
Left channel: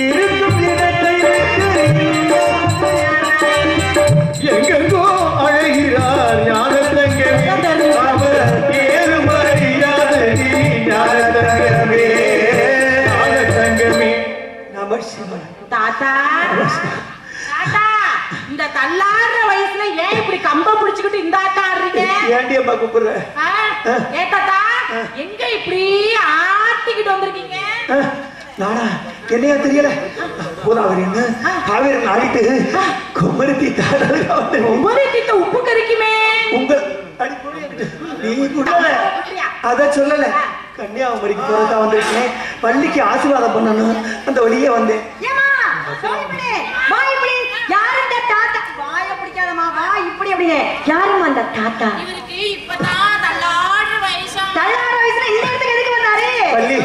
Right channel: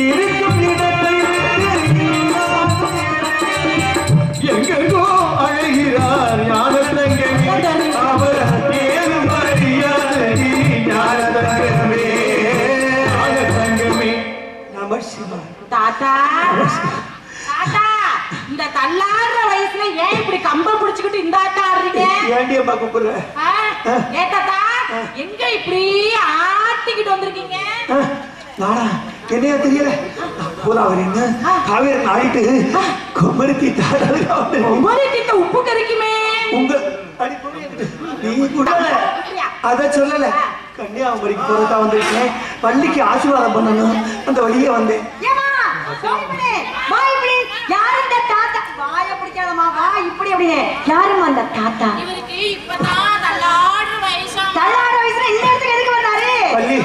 இருக்கும் இடத்தை விட்டு எங்கோ அழகிறார் ஞானத்தங்கமே அவர் ஏது அறியாதது ஞானத்தங்கமே ஞானத்தங்கமே. தாத்தா தாத்தா இந்த தள்ளாடுற வயசுல ஏன் இப்படி கம்பம் பிடிச்சுக்கிட்டு இந்த ஆட்டா ஆடுறீங்க? ஏண்டி அம்மா கூப்பிடுற? ஏ தாத்தா எங்க இப்படி ஆட்டிக்கிட்டு வந்திருக்கீங்க? நானா என்னையா தெரியல பூதாவரின்னு காவேரி ஆடிட்டு குமரி தீட்ட உப்பு கறிக்குமே உங்க நீ கூட அத சொல்லல. கன்னியாகுமரிக்கு போறதா வந்திருக்கேன். பள்ளிக்கு ஆசீர்வாதம் பண்ணணும் அந்த வழியே வந்தேன். யாரும் அந்த தாத்தா இவருக்கு இப்பதான் தள்ளாடுற வயசா தள்ளாடுற வயசுல இந்த இடத்துக்கு எதுக்கு வந்தாரு? பள்ளி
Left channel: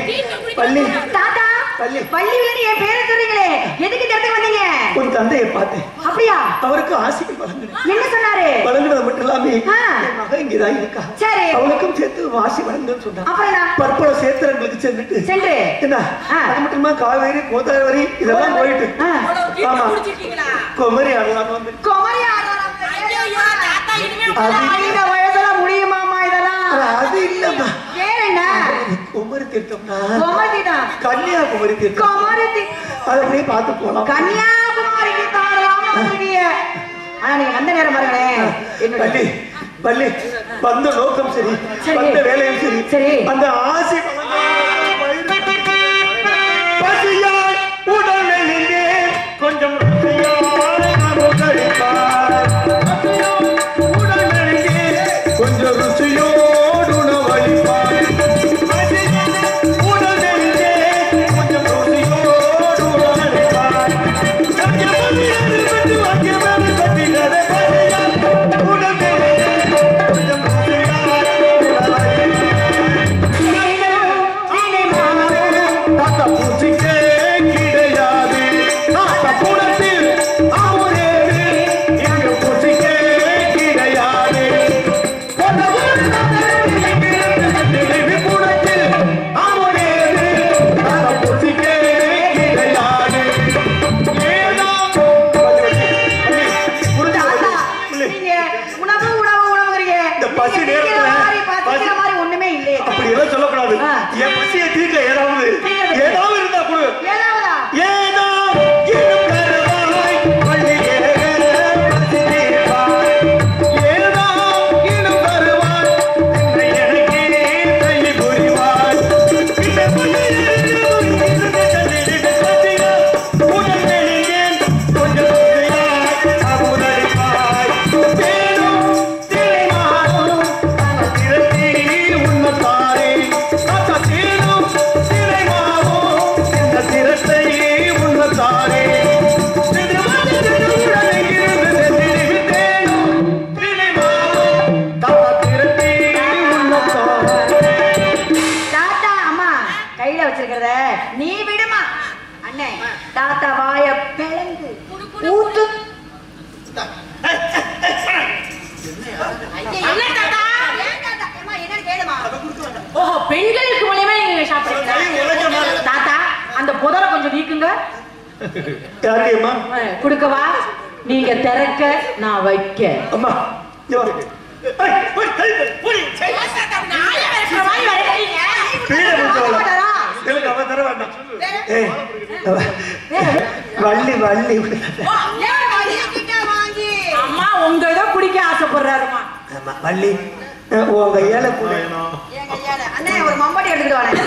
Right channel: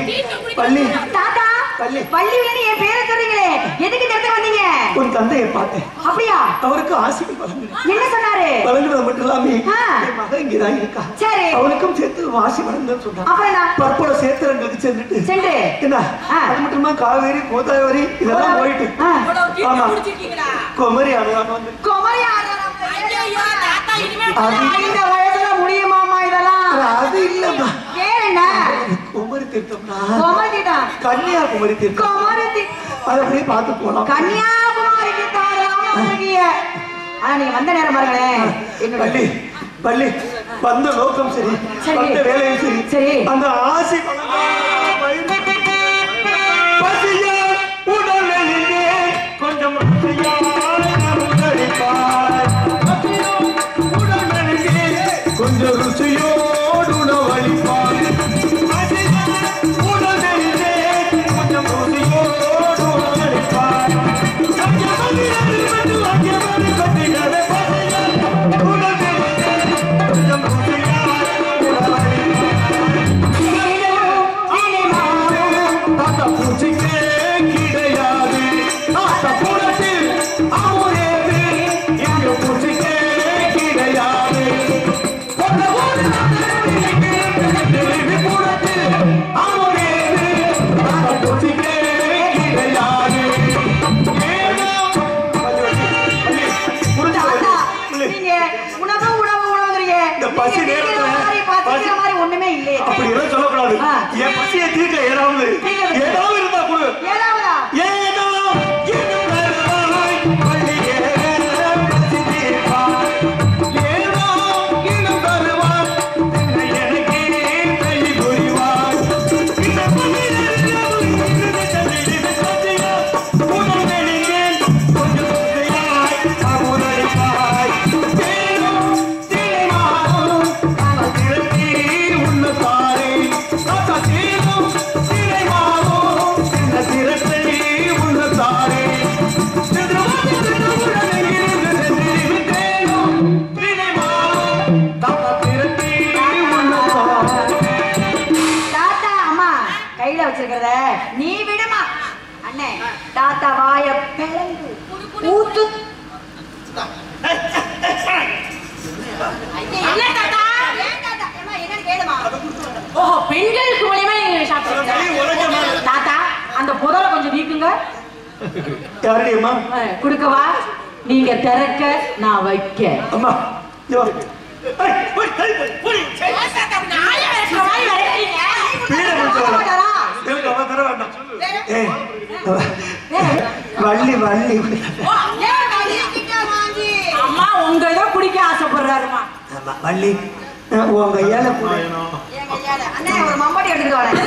பள்ளி தாத்தா பள்ளி பள்ளியில என் பேரை சொல்றீங்களே எதுக்கு இந்த இடத்துக்கு வந்தீங்க? ஒரு தந்தையை பார்த்தேன். அப்படியா? அவருக்கு ஆசைகள் வழங்கினேன். என்ன சொன்னாரு? வழங்குறது மட்டும் இல்லாம என் மகன் இங்கதான் இருக்கா. சரி அவளுக்கும் சேர்த்து வாசி வழங்குன்னு சொன்னான். அப்புறம் பற்பல சேர்த்தவங்களுக்கு சென்று என்ன அது மட்டுமா காவேரி கோதாவரி இதெல்லாம் போயிட்டு ஆமா குமரி ஆடுவாங்க வந்து குமரி ஆடுறாங்க வயசுல முடியுமாமா இதெல்லாம்? அது இல்லம்மா வேற என்ன குமரி தீர்த்தம்னா குமரி தீர்த்தம் கன்னியாகுமரி தீர்த்தம். குமரி அதை அப்படியே பார்த்து போலாம். கன்னியாகுமரிக்கு தாராளமா இருக்கீங்க. ஆனா நீங்க வந்த நேரம் பாருங்களேன். பள்ளி பள்ளி வந்த நோக்கம் சரி வந்த வேலையும் சரி சரி அந்த ஆசை பசியால் உடலிலே கொஞ்சம் கொஞ்சம் ருசியோடு உணவளிப்பார். உடலிலே கொஞ்சம் ருசியோடு உணவளிப்பார். உடலிலே கொஞ்சம் ருசியோடு அண்ணே தாத்தா வாய பிளந்து ஊத்து. என்ன தாத்தா? ஏன் தாத்தா? அம்மா என்னன்னு கேளுமா. ஓஹோ, பெண்களுக்கு மூலியமா நீங்க சாப்பிடுறீங்க. தாத்தா அந்த புதரை கொஞ்சம் நீக்குங்க. யாருமா குடுக்கவா? நீங்க திறக்க நான் வைக்க. அம்மா வள்ளி வள்ளி அம்மா உங்க இதை குடிக்க ஆசைப்படுறாருமா. வள்ளி உங்க ஏழை அண்ணே ஒரு மம்பட்டி எடுத்துட்டு வாங்க.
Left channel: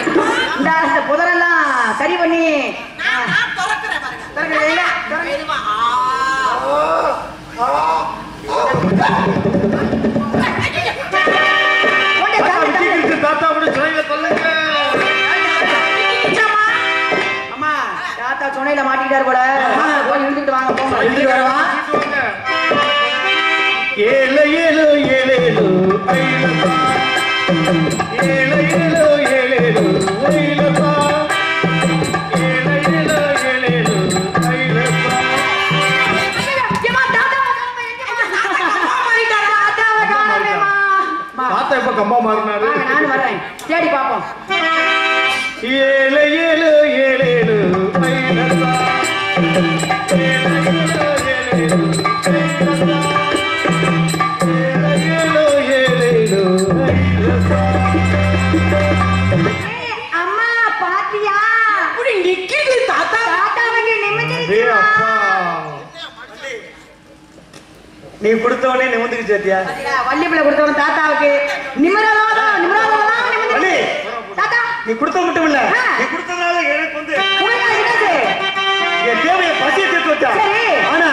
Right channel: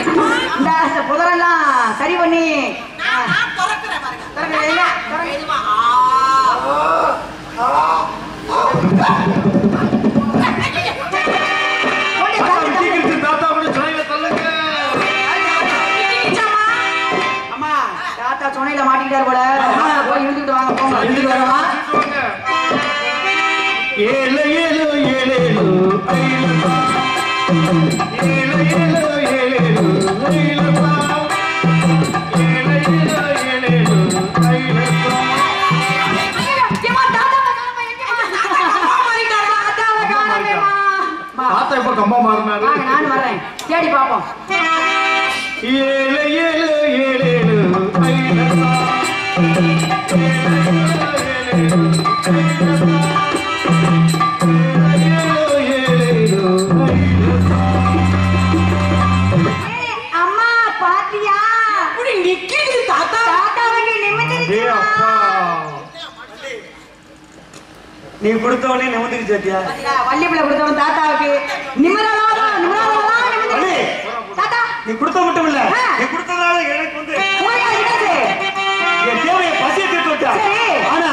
இந்த புதரெல்லாம் சரி பண்ணி அம்மா தாத்தா சொன்னையில மாட்டிக்கிட்டாரு போல. போய் இழுத்துட்டு வாங்க போங்க. இழுத்துட்டு வரவா? ஏழு ஏழு ஏழு ஏழு ஏழு ஏழு ஏழு ஏழு தாத்தா இப்ப கம்பா மாறினாரு. நானும் வரேன் தேடி பாப்போம். ஏழு ஏழு ஏழு ஏழு அம்மா பாத்தியா இப்படி நிக்குது தாத்தா. தாத்தாவுக்கு நிமிர்ந்து நீ கொடுத்தவனே நிமிந்துக்கு சேர்த்தியா? வள்ளிப்பிள்ளை கொடுத்தவன் தாத்தாவுக்கு நிமிரவாதம் நிமிரவாதம் வள்ளி, தாத்தா நீ கொடுத்த மட்டும் இல்ல, நீ கொடுத்ததால எனக்கு வந்து உங்களுக்கு என்னது? என் தேவையை பசியை தீர்த்து வச்சா. சரி. ஆனா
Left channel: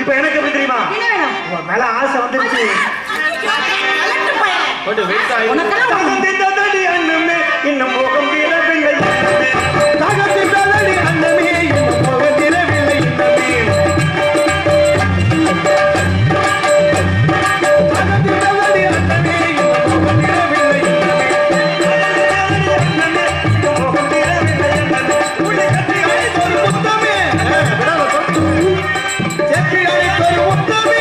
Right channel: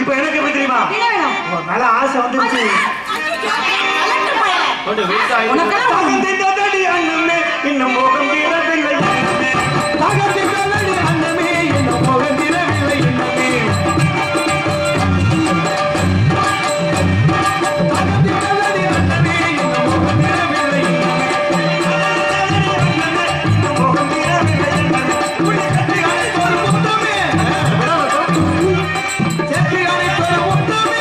இப்ப எனக்கு எப்படி தெரியுமா? என்ன வேணும்? உன் மேல ஆசை வந்துருச்சு. தாகம் தீர்ந்ததடி அன்னமே, இன்னும் மோகம் தீரவில்லை இன்னமே. தாகம் தீர்ந்ததடி அன்னமே, இன்னும் மோகம் தீரவில்லை இன்னமே. தாகம் தீர்ந்ததடி அன்னமே, இன்னும் மோகம் தீரவில்லை இன்னமே. இன்னும் மோகம் தீரவில்லை இன்னமே. உன்னை கட்டி அழைத்த ஒரு முத்தமே, சேர்த்து அழைத்த ஒரு முத்தமே.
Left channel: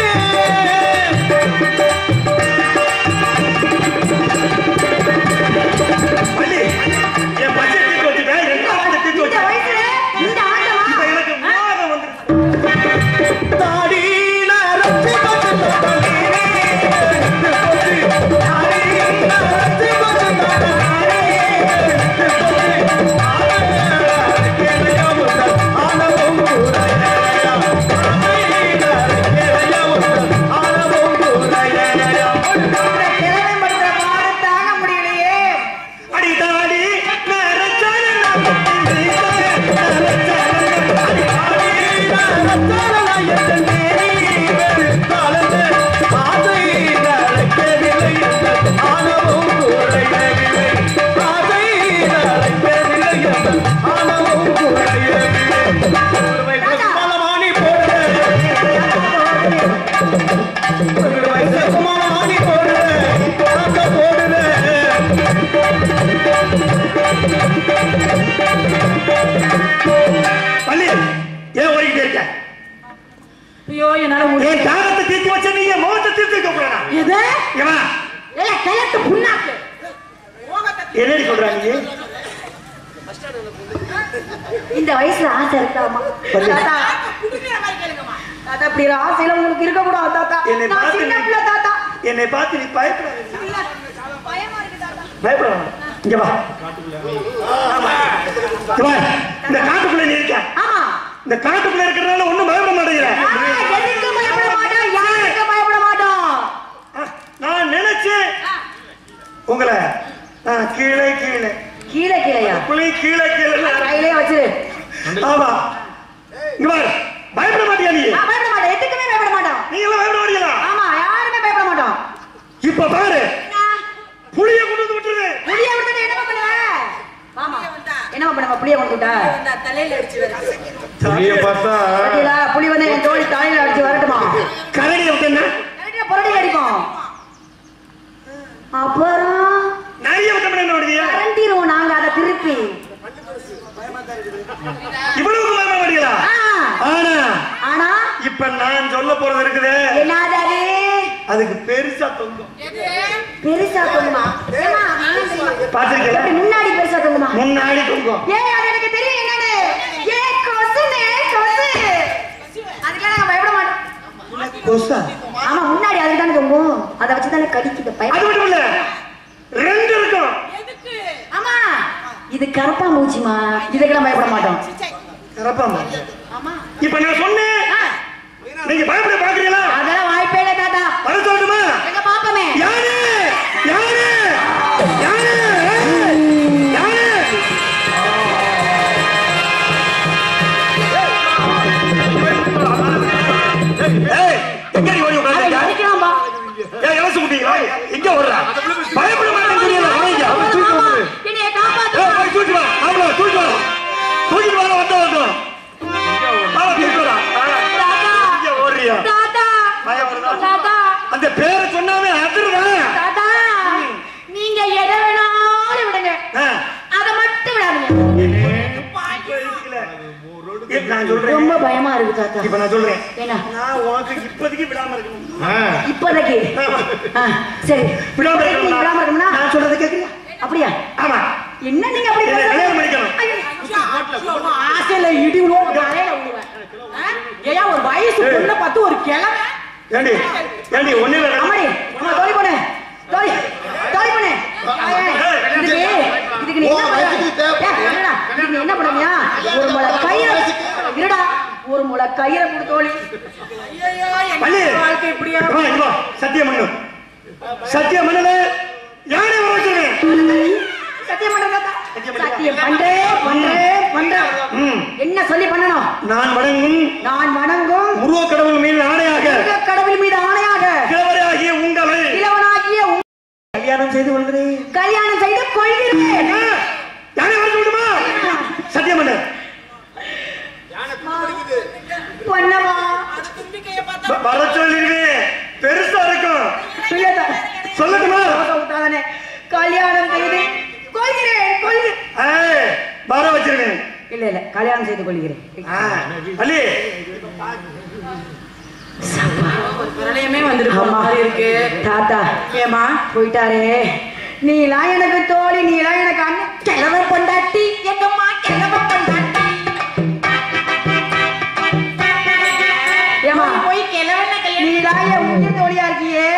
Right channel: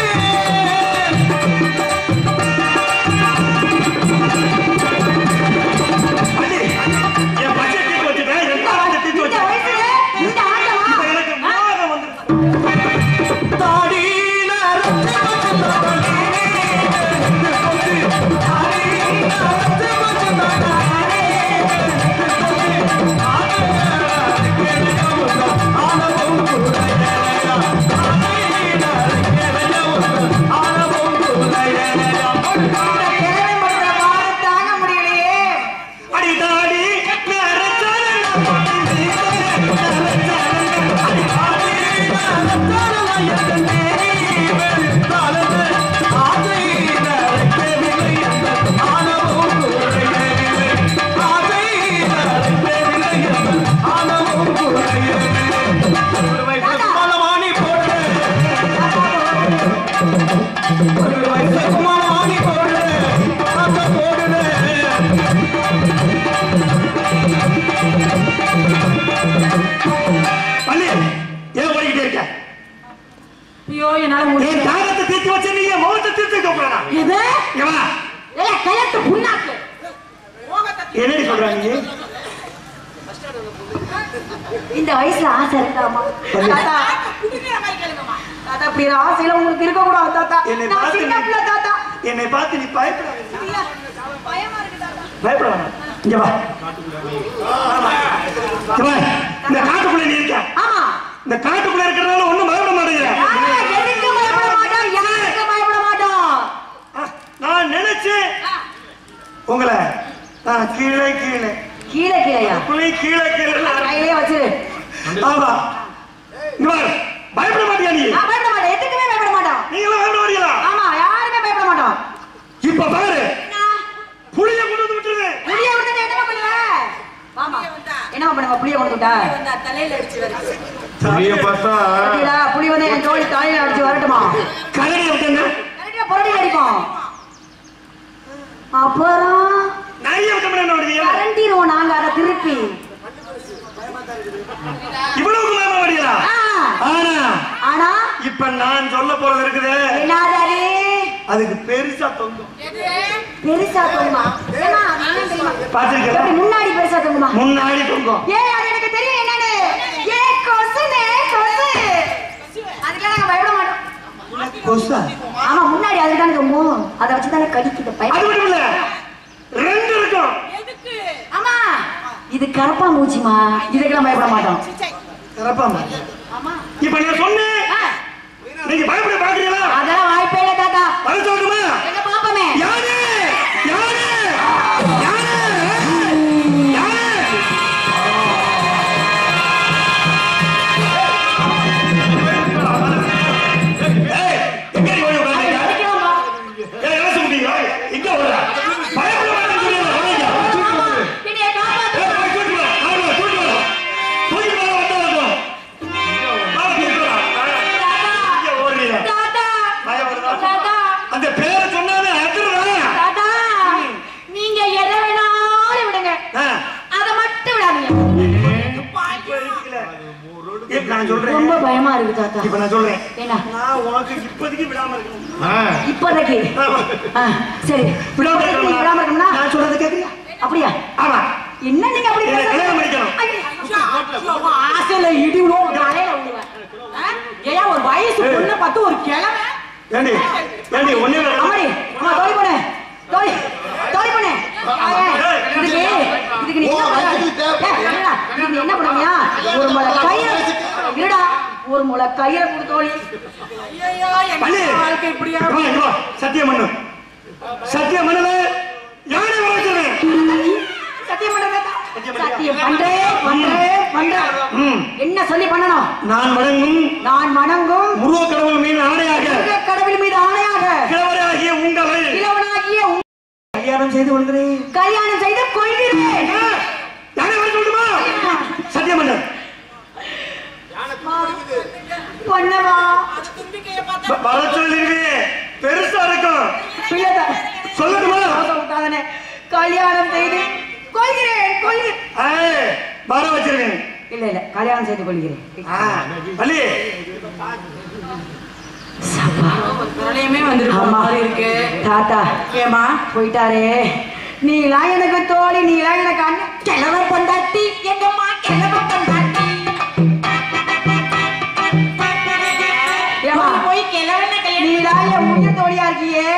என் பச்சை தீக்கு வச்சுட்டேன், என் ஆட்டை தீக்கு இந்த வச்சுட்டேன். வயசுல இந்த ஆட்டமா? இப்ப எனக்கு மோகம் வந்துருச்சு. தாடியில அரைச்சு கொண்டு தாடியில அரைச்சு கொண்டு திறமைப்பட்ட பாடம் தாங்க முடியலையே. அடி தாடி ஏன் ஓடிக்கிட்டே இருக்க? ஐயோ என்னால முடியல. என் தாகத்தை தீர்த்து வச்ச நீ என் முகத்தை தீர்த்து வைக்க போறா? இது ஏமா ஏல கையத்து புண்ணாக்கு. என்னடி சொல்ற நீ? இந்த வயசுல ஆசை இருக்காமா? தாத்தா குடிக்கிற மாதிரி கேளுங்கம்மா. தாத்தா இப்படி ஒரு ஆசையில உங்களுக்கு இருக்க கூடாது தாத்தா. என்னை நான் பார்த்து சின்ன பிள்ளை தாத்தா. என்னை பார்த்து நீ பயப்படாத. பயமா இருக்கு தாத்தா. பயப்படாத. இங்க வா. இங்க வா. இந்த காட்டுக்குள்ள நீ இருக்க. ஆமா. இந்த காட்டுக்குள்ள இருக்கிறதால ஒண்ணும் பயப்பட மாட்டேங்கிற. எதுக்கு பயப்பட மாட்டோம்? யாருக்கு பயப்பட மாட்டோம்? நான் நினைச்சேன் உங்களை கீழே கீழே கீழே கீழையா? புள்ளி கீழே கீழே கையிலே வச்சிரு. ஆமா. இங்க வா. பயப்பட மாட்டியா நீ? நான் பயப்பட மாட்டேன். எதுக்குமே பயப்பட மாட்டோம். நீங்களும் பயப்பட மாட்டீங்களா? ஆமா, யாருமே பயப்பட மாட்டோம். இப்ப பாரு, புளிய கொண்டு வந்து விட்டுரு. புளிய விட்டுட்டு என்னமா பண்ணுவ? வாமா. என்னமா பண்ணுவ? புளிய கொண்டு விட்டா தலையில அடிச்சு வருது. புளிய பார்த்தா பாத்தீங்களா? புளி வந்து என் தோழி தலையில அடிச்சு வரட்டுமா? கரடி விட்டுங்க. கரெக்டா புரடி அடிக்கும். அப்புறம் நிறைய விட்டோம்னா என்ன பண்ணுவீங்க? கரண்டிடுவோம் நாங்க அதை திருப்பி. இவ்வளவு குலாம வடிகளா? ஆனா ஆனா இப்ப நான் சொல்ல போறது இருக்குது. என்னது? அதுக்கு பெருசா தொங்கும். பெருசா தொங்குமா? பாத்துக்க. முன்னாடி பெருசா தொங்குமா? முன்னாடி தொங்கும். ஏய் அது எனக்கு தெரியும் என்னன்னு. ஏய் கொசுனே கொசு. அதுக்கெல்லாம் நாங்க பயப்பட மாட்டோம். கொசா? ஆமா முன்னாடி அதுதான் தொங்கும். அத வச்சு தான் கடிக்கிட்ட பய. அது மட்டும் இல்ல. ரெண்டு இருக்கும். எதுக்கு? ஆமா. இது கரப்பா மூச்சிமா. இதுக்கெல்லாம் பயப்பட மாட்டோம். கரப்பா மூச்சி. ஆமா. இப்ப நான் சொன்னேன். நீங்க பயப்பட பாக்குறீங்களா? அதெல்லாம் வாய்ப்பே இல்ல தாத்தா. அது சொல்லுமா? எங்க பாப்பமே. யாரு? யாரு? யாரு? யாரு? ஏய், எங்க நீ ஓடி உட்கார்ந்திருக்க? அடிக்கலாம்பா. ஏய், எலசு குட்டிங்களா? எங்க ஓடுற? பயப்பட மாட்டேன்னு தெரியல. வாங்க. என்னைய காப்பாத்து. ஏய், போய் தூக்கிட்டு வா. அவளோ தூக்கிட்டு வா. தூக்கிட்டு வா வந்தோம். வா தூக்கிட்டு வா. தாத்தா. இங்க ஓடுறியா? தாத்தா. பயப்படுதா? தாத்தா. அந்த பேரை சொன்னாவே அதிர்றா. தாத்தா. நீங்க எதை வேணாலும் விடுங்க. அத மட்டும் விடாதீங்க. நான் சொல்றேன். ரொம்ப பயமா இருக்கு தாத்தா. இப்ப நான் சொல்றேன். என்ன? நான் உனக்கு இப்போதைக்கு விடாம இருக்கணும். இப்போதைக்கு. சரி. விடாம விடாம இருக்கணும்னா நான் சொல்றது கேக்குறியா? அப்படியா? ஆமா. என்ன நீங்க அப்படி என்ன கல்யாணம் பண்ணிக்கணும். ஆசையில இடி ஓடு தலையில விழுவ. ஏயா ஒரு வயசு பொண்ணை பார்த்து ஒரு கிழமை. ஏண்டி ஏண்டி ஒண்ணு இல்ல. அம்மாடி அம்மா தோழி போனே. தோழி தோழி போனே. இதுக்கு நீ என்ன பண்ண? என்னடா? இதுக்கு நீ என்ன பண்ணுவியா? ஒரு முளை கயிறு இருடா. ஒரு முளை கயிறை கொடு தோழி. ஐயோ பண்ணு. என்ன வாழ்க்கை இப்படியா? வா சத்தியம் பண்ணு. சத்தியம் பண்ணல. யாரை வர வச்சிருவேன்? சத்தியம் பண்றேன் தாத்தா. சத்தியம் பண்றேன். என்ன சொல்லி பண்ணணும்? நான் வணங்கும் உருவ கடவுள் மீது ஆணையாக கடவுள் மீது ஆணையாக கிழவராகிய உங்களை கல்யாணம் செய்து கொள்கிறேன். கல்யாணம் செய்து கொள்கிறேன். யாரை வர சொல்லுமா? சத்தியம் பண்ணு. பண்ணவா? தும்பிக்கைய பார்த்தா வர சொல்லிருவேன். பெருசா இருக்கும். சொல்லட்டுமா? கல்யாணம் செய்து கொள்கிறேன். வர வச்சிருவேன். இல்ல கல்யாணம் செய்து கொள்கிறேன். பள்ளி பிரளயமே வந்துருக்கு மாதிரி இருக்கு. தாத்தா ஏமா போயிட்டாரே. நீலாம் எனக்கு தோழி, நீலாம் எனக்கு அண்ணன். கிழவ பொண்டாட்டி எங்கம்மா கிழவ பொண்டாட்டி. ஏமா போய் கிழவன கல்யாணம். நீதான் என் உயிர் தோழியா இருக்கியே.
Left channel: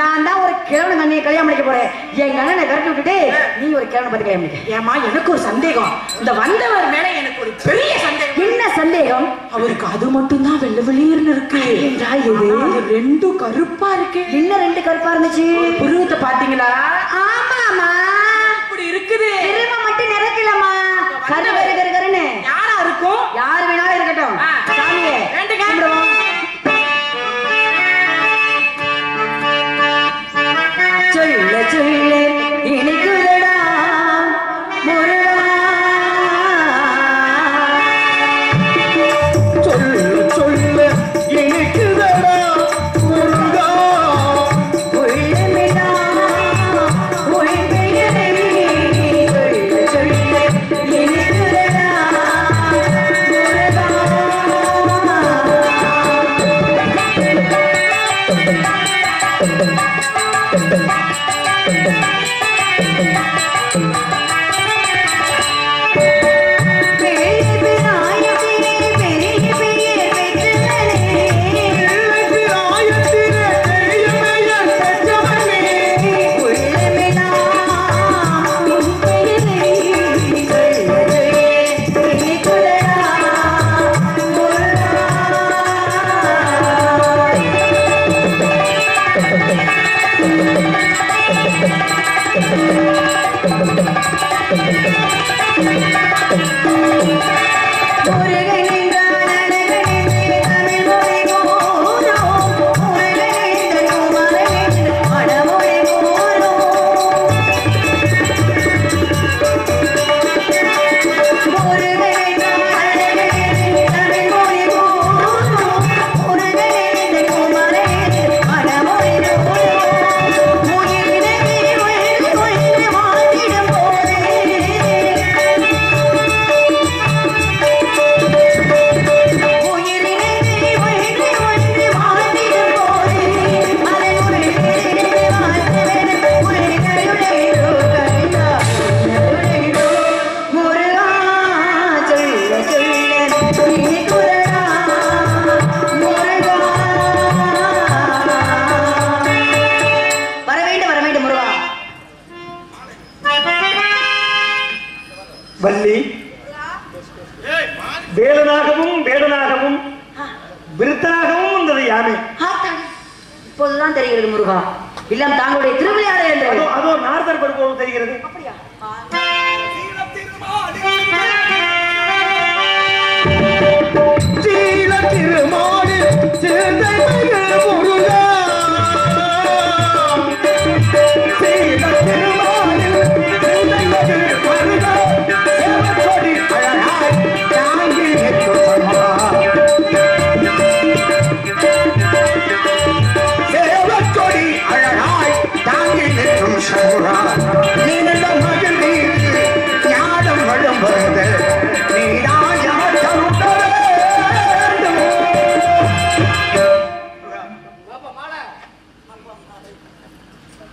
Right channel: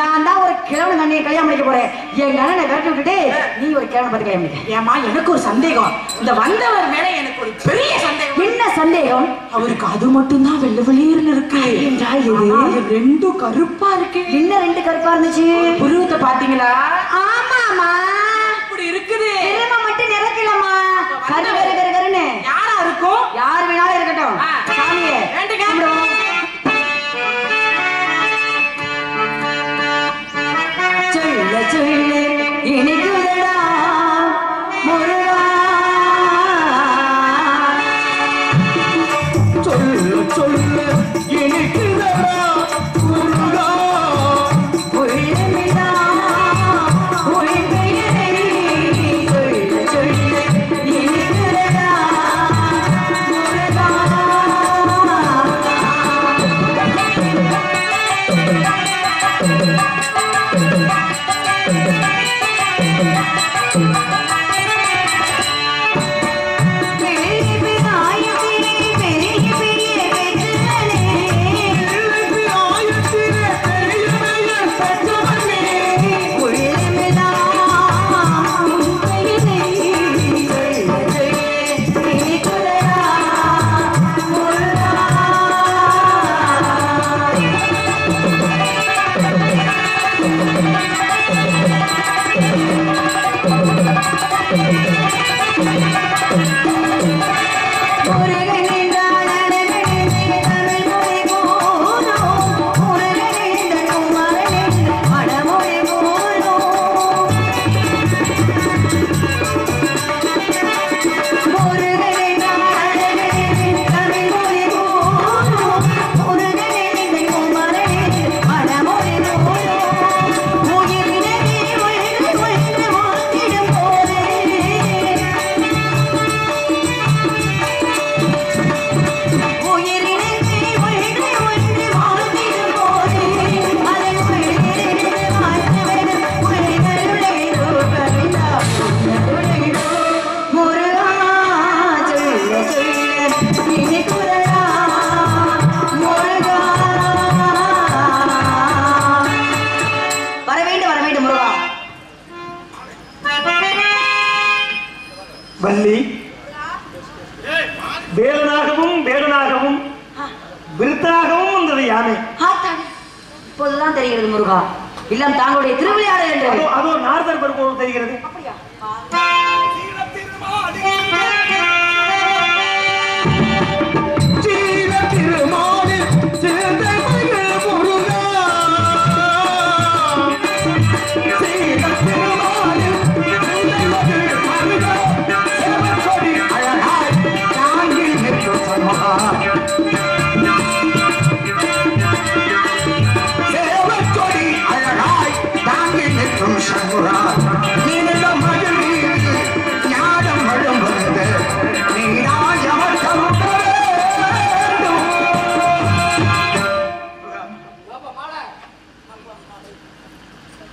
நான் தான் ஒரு கிழவன் அண்ணியை கல்யாணம் பண்ணிக்க போறேன். எங்க அண்ணனை விரட்டி விட்டுட்டு நீ ஒரு கிழவனை பார்த்து கல்யாணம் பண்ணிக்க. ஏமா எனக்கு ஒரு சந்தேகம். இந்த வந்தவர் மேல எனக்கு ஒரு பெரிய சந்தேகம். என்ன சந்தேகம்? அவருக்கு அது மட்டும் தான் வெள்ளை வெளியர்னு இருக்கு. இது ரெண்டும் கருப்பா இருக்கு. என்ன ரெண்டு கருப்பா இருந்துச்சு? புருவத்தை பாத்தீங்களா? ஆமாமா இப்படி இருக்குது. திரும்ப மட்டும் நிறக்கலமா. கரு கரு கரு கருன்னு யாரா இருக்கும்? யார் வேணாலும் இருக்கட்டும். சாமியே வேண்டுங்க. சொல்ல சொல்ல இனிக்குதடா முருகா. சொல்ல சொல்ல இனிக்குதடா முருகா. உள்ளமிடா உன் பெயரை சொல்ல சொல்ல இனிக்குதடா முருகா. நாமே. இப்போதுதான் தெரிகிறது முருகா, இல்லம் தாங்களுடைய திருவிளையாடல் என்று. அதோ நாரதர் பருவம் தெரிகிறது.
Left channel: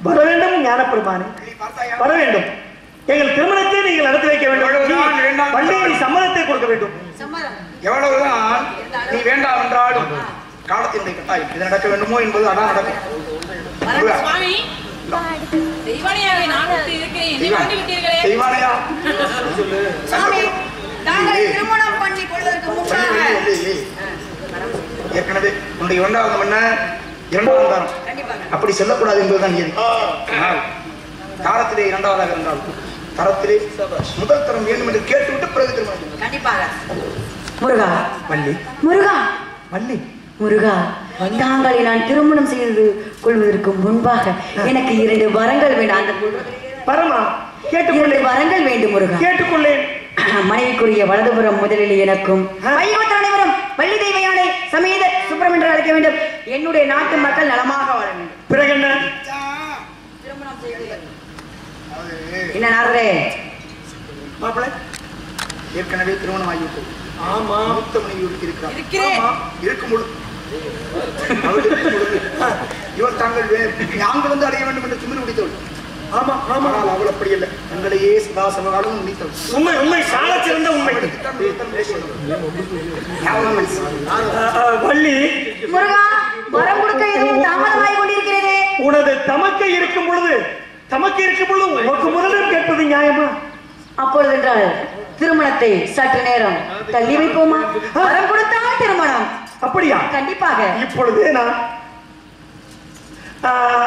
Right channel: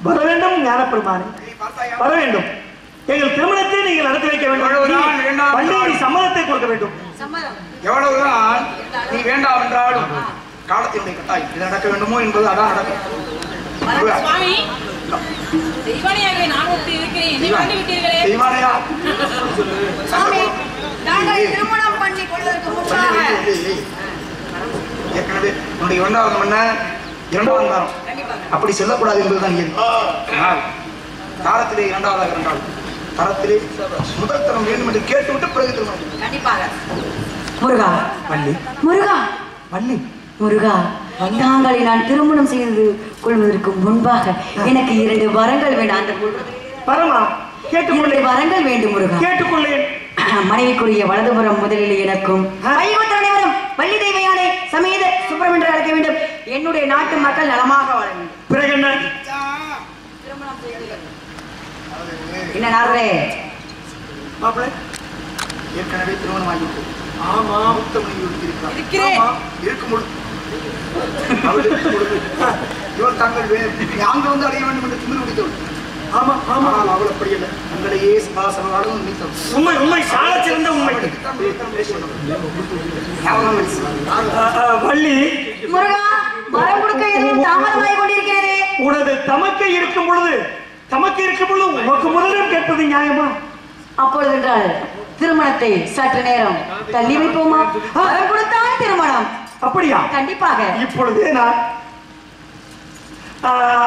வர வேண்டும் ஞானப்பெருமானே, வர வேண்டும். எங்கள் திருமணத்தை நீங்கள் நடத்தி வைக்க வேண்டும். பள்ளியை சம்மதத்தை கொடுக்க வேண்டும். எவ்வளவுதான் நீ வேண்டாம் என்றாலும் காலத்தின் கட்டாயம் இது நடக்க வேண்டுமோ என்பது அதான் நடக்கும். சுவாமி, தெய்வானையாவே நான் விட்டு இருக்கிறேன், என்னை வந்து விட்டீர்களே. தெய்வானையா சாமி, நாங்கள் திருமணம் பண்ணி கொள்வதற்கு முன்பாக ஏற்கனவே உன்னுடைய இரண்டாவது மன்ன இரண்டாவது தாரம் அப்படி செல்லக்கூடாது என்பதுதான் இயல்பு. ஆனால் தாரத்திலே இரண்டாவதாக இருந்தால் தரத்திலே முதல் தரம் வேண்டும் என்று கேட்டுவிட்டு பிறகு திருமணம். கண்டிப்பாக. முருகா, வள்ளி, முருகா, வள்ளி, முருகா, தாங்களை நான் திருமணம் செய்து கொள்வதற்கு முன்பாக எனக்கு 2 வரங்கள் வேண்டும். அந்த பரமா கேட்டுக்கொள்ளே, 2 வரங்கள் வேண்டும் முருகா. கேட்டுக்கொள்ளேன். மனைவிக்குரிய வலதுபுறம் முதலில் எனக்கும், வைகுண்ட அனைவரும் வள்ளி தெய்வயானை சமேத சுப்பிரமணியரை அழைக்க வேண்டும். என்னுடைய நாட்டு மக்கள் நலமாக வாழ வேண்டும். பிறகு என்ன? என்ன நாரதே? மாப்பிள்ளை ஏற்கனவே திருமணம் ஆகிவிட்டது. ஆமா, மூத்த மனைவி இருக்கிறார். இருக்கிறேன். இருக்கும்பொழுது இவர் தாங்கள் நாங்கள் வந்து அடைய வேண்டும் என்று திமிர் பிடித்தவள். ஆமா, ஆமா. ஆனால் அவள் அப்படி இல்லை. தங்களையே சதாசனோடும் நினைத்தவள். உண்மை, உண்மை, சால சிறந்த உண்மை. வள்ளி, முருகா, வரம் கொடுக்க எதுவும் தாமதமாய் கொண்டிருக்கிறதே. உனது தமக்கை இருக்கும் பொழுது உனக்கு முதலிடம் கேட்பது நியாயமா? அப்பொழுது என்றால் திருமணத்தை சற்று நேரம் தள்ளி வைப்போமா? வரம் கொடுத்தால் திருமணம். அப்படியா? கண்டிப்பாக. இப்பொழுது நான்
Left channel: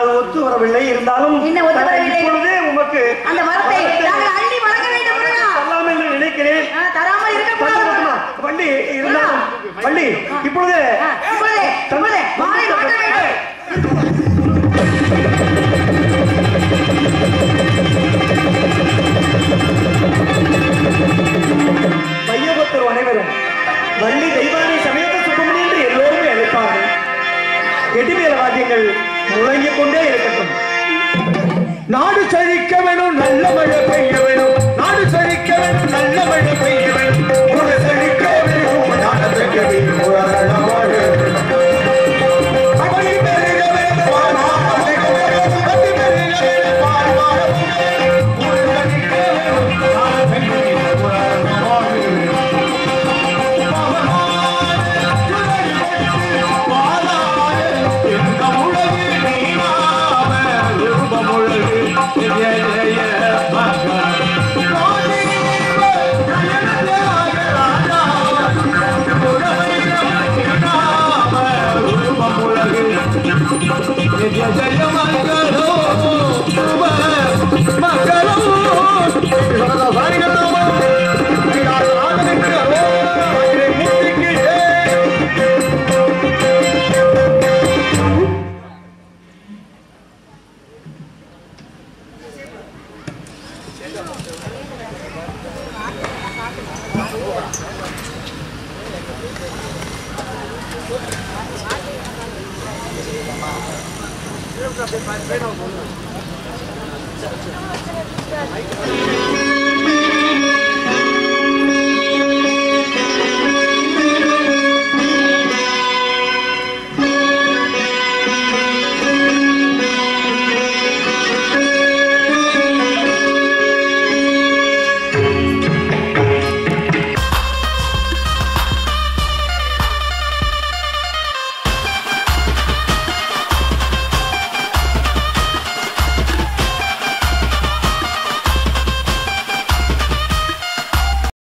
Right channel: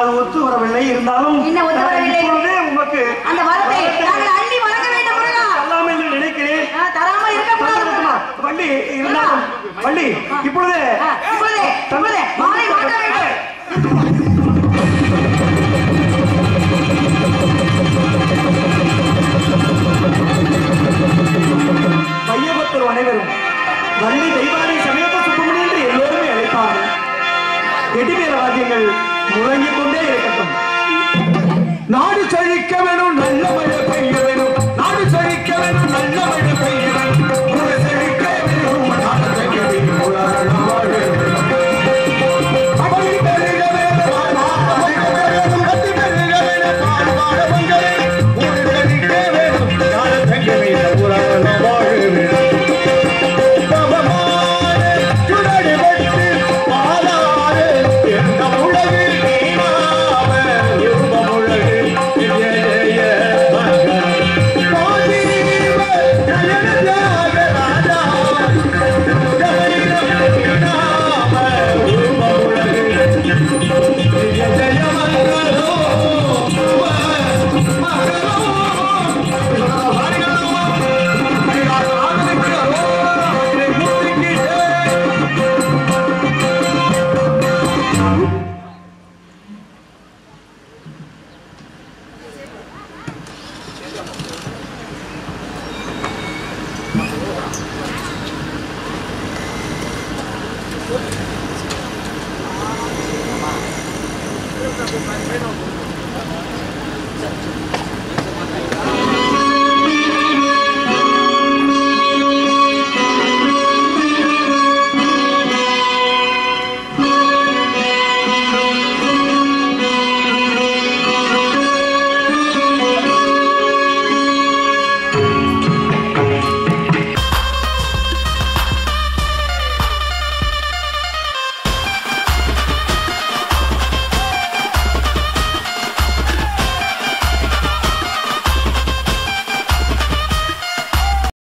அது ஒத்து வரவில்லை. இருந்தாலும் என்ன ஒத்து வரவில்லை? இப்பொழுது உமக்கு அந்த வரத்தை நாங்கள் அள்ளி வழங்க வேண்டும் முருகா. தரலாம் என்று நினைக்கிறேன். தராமல் இருக்கக்கூடாது. வள்ளி, இருந்தாலும் வள்ளி, இப்பொழுது மாலை மாற்ற வேண்டும். மையபக்தர் அனைவரும் வள்ளி தெய்வானை சமேத சுப்பிரமணியன் என்று எல்லோருமே அழைப்பார்கள். எதிர்வேல வாத்தியங்கள் முழங்கிக் கொண்டே இருக்கட்டும். நாடு செழிக்க வேணும், நல்ல மழை பெய்ய வேணும். நாடு செழிக்க வேணும், நல்ல மழை பெய்ய வேணும். ஒரு செழிக்க வேணும், நாடு செழிக்க வேணும், ஒரு அழகாக வேணும். அப்படி பெருக வேணும், வாழ்வாழ வேணும். கட்டி பெருக வேணும், வாழ்வாழ வேணும். ஒரு செழிக்க வேணும், நாடு செழிக்க வேணும், ஒரு அழகாக வேணும். பகவானே சுடடி வச்சு வாழாதே, எந்த உலகு நீனாவே ரூபமுள்ளது. Bueno,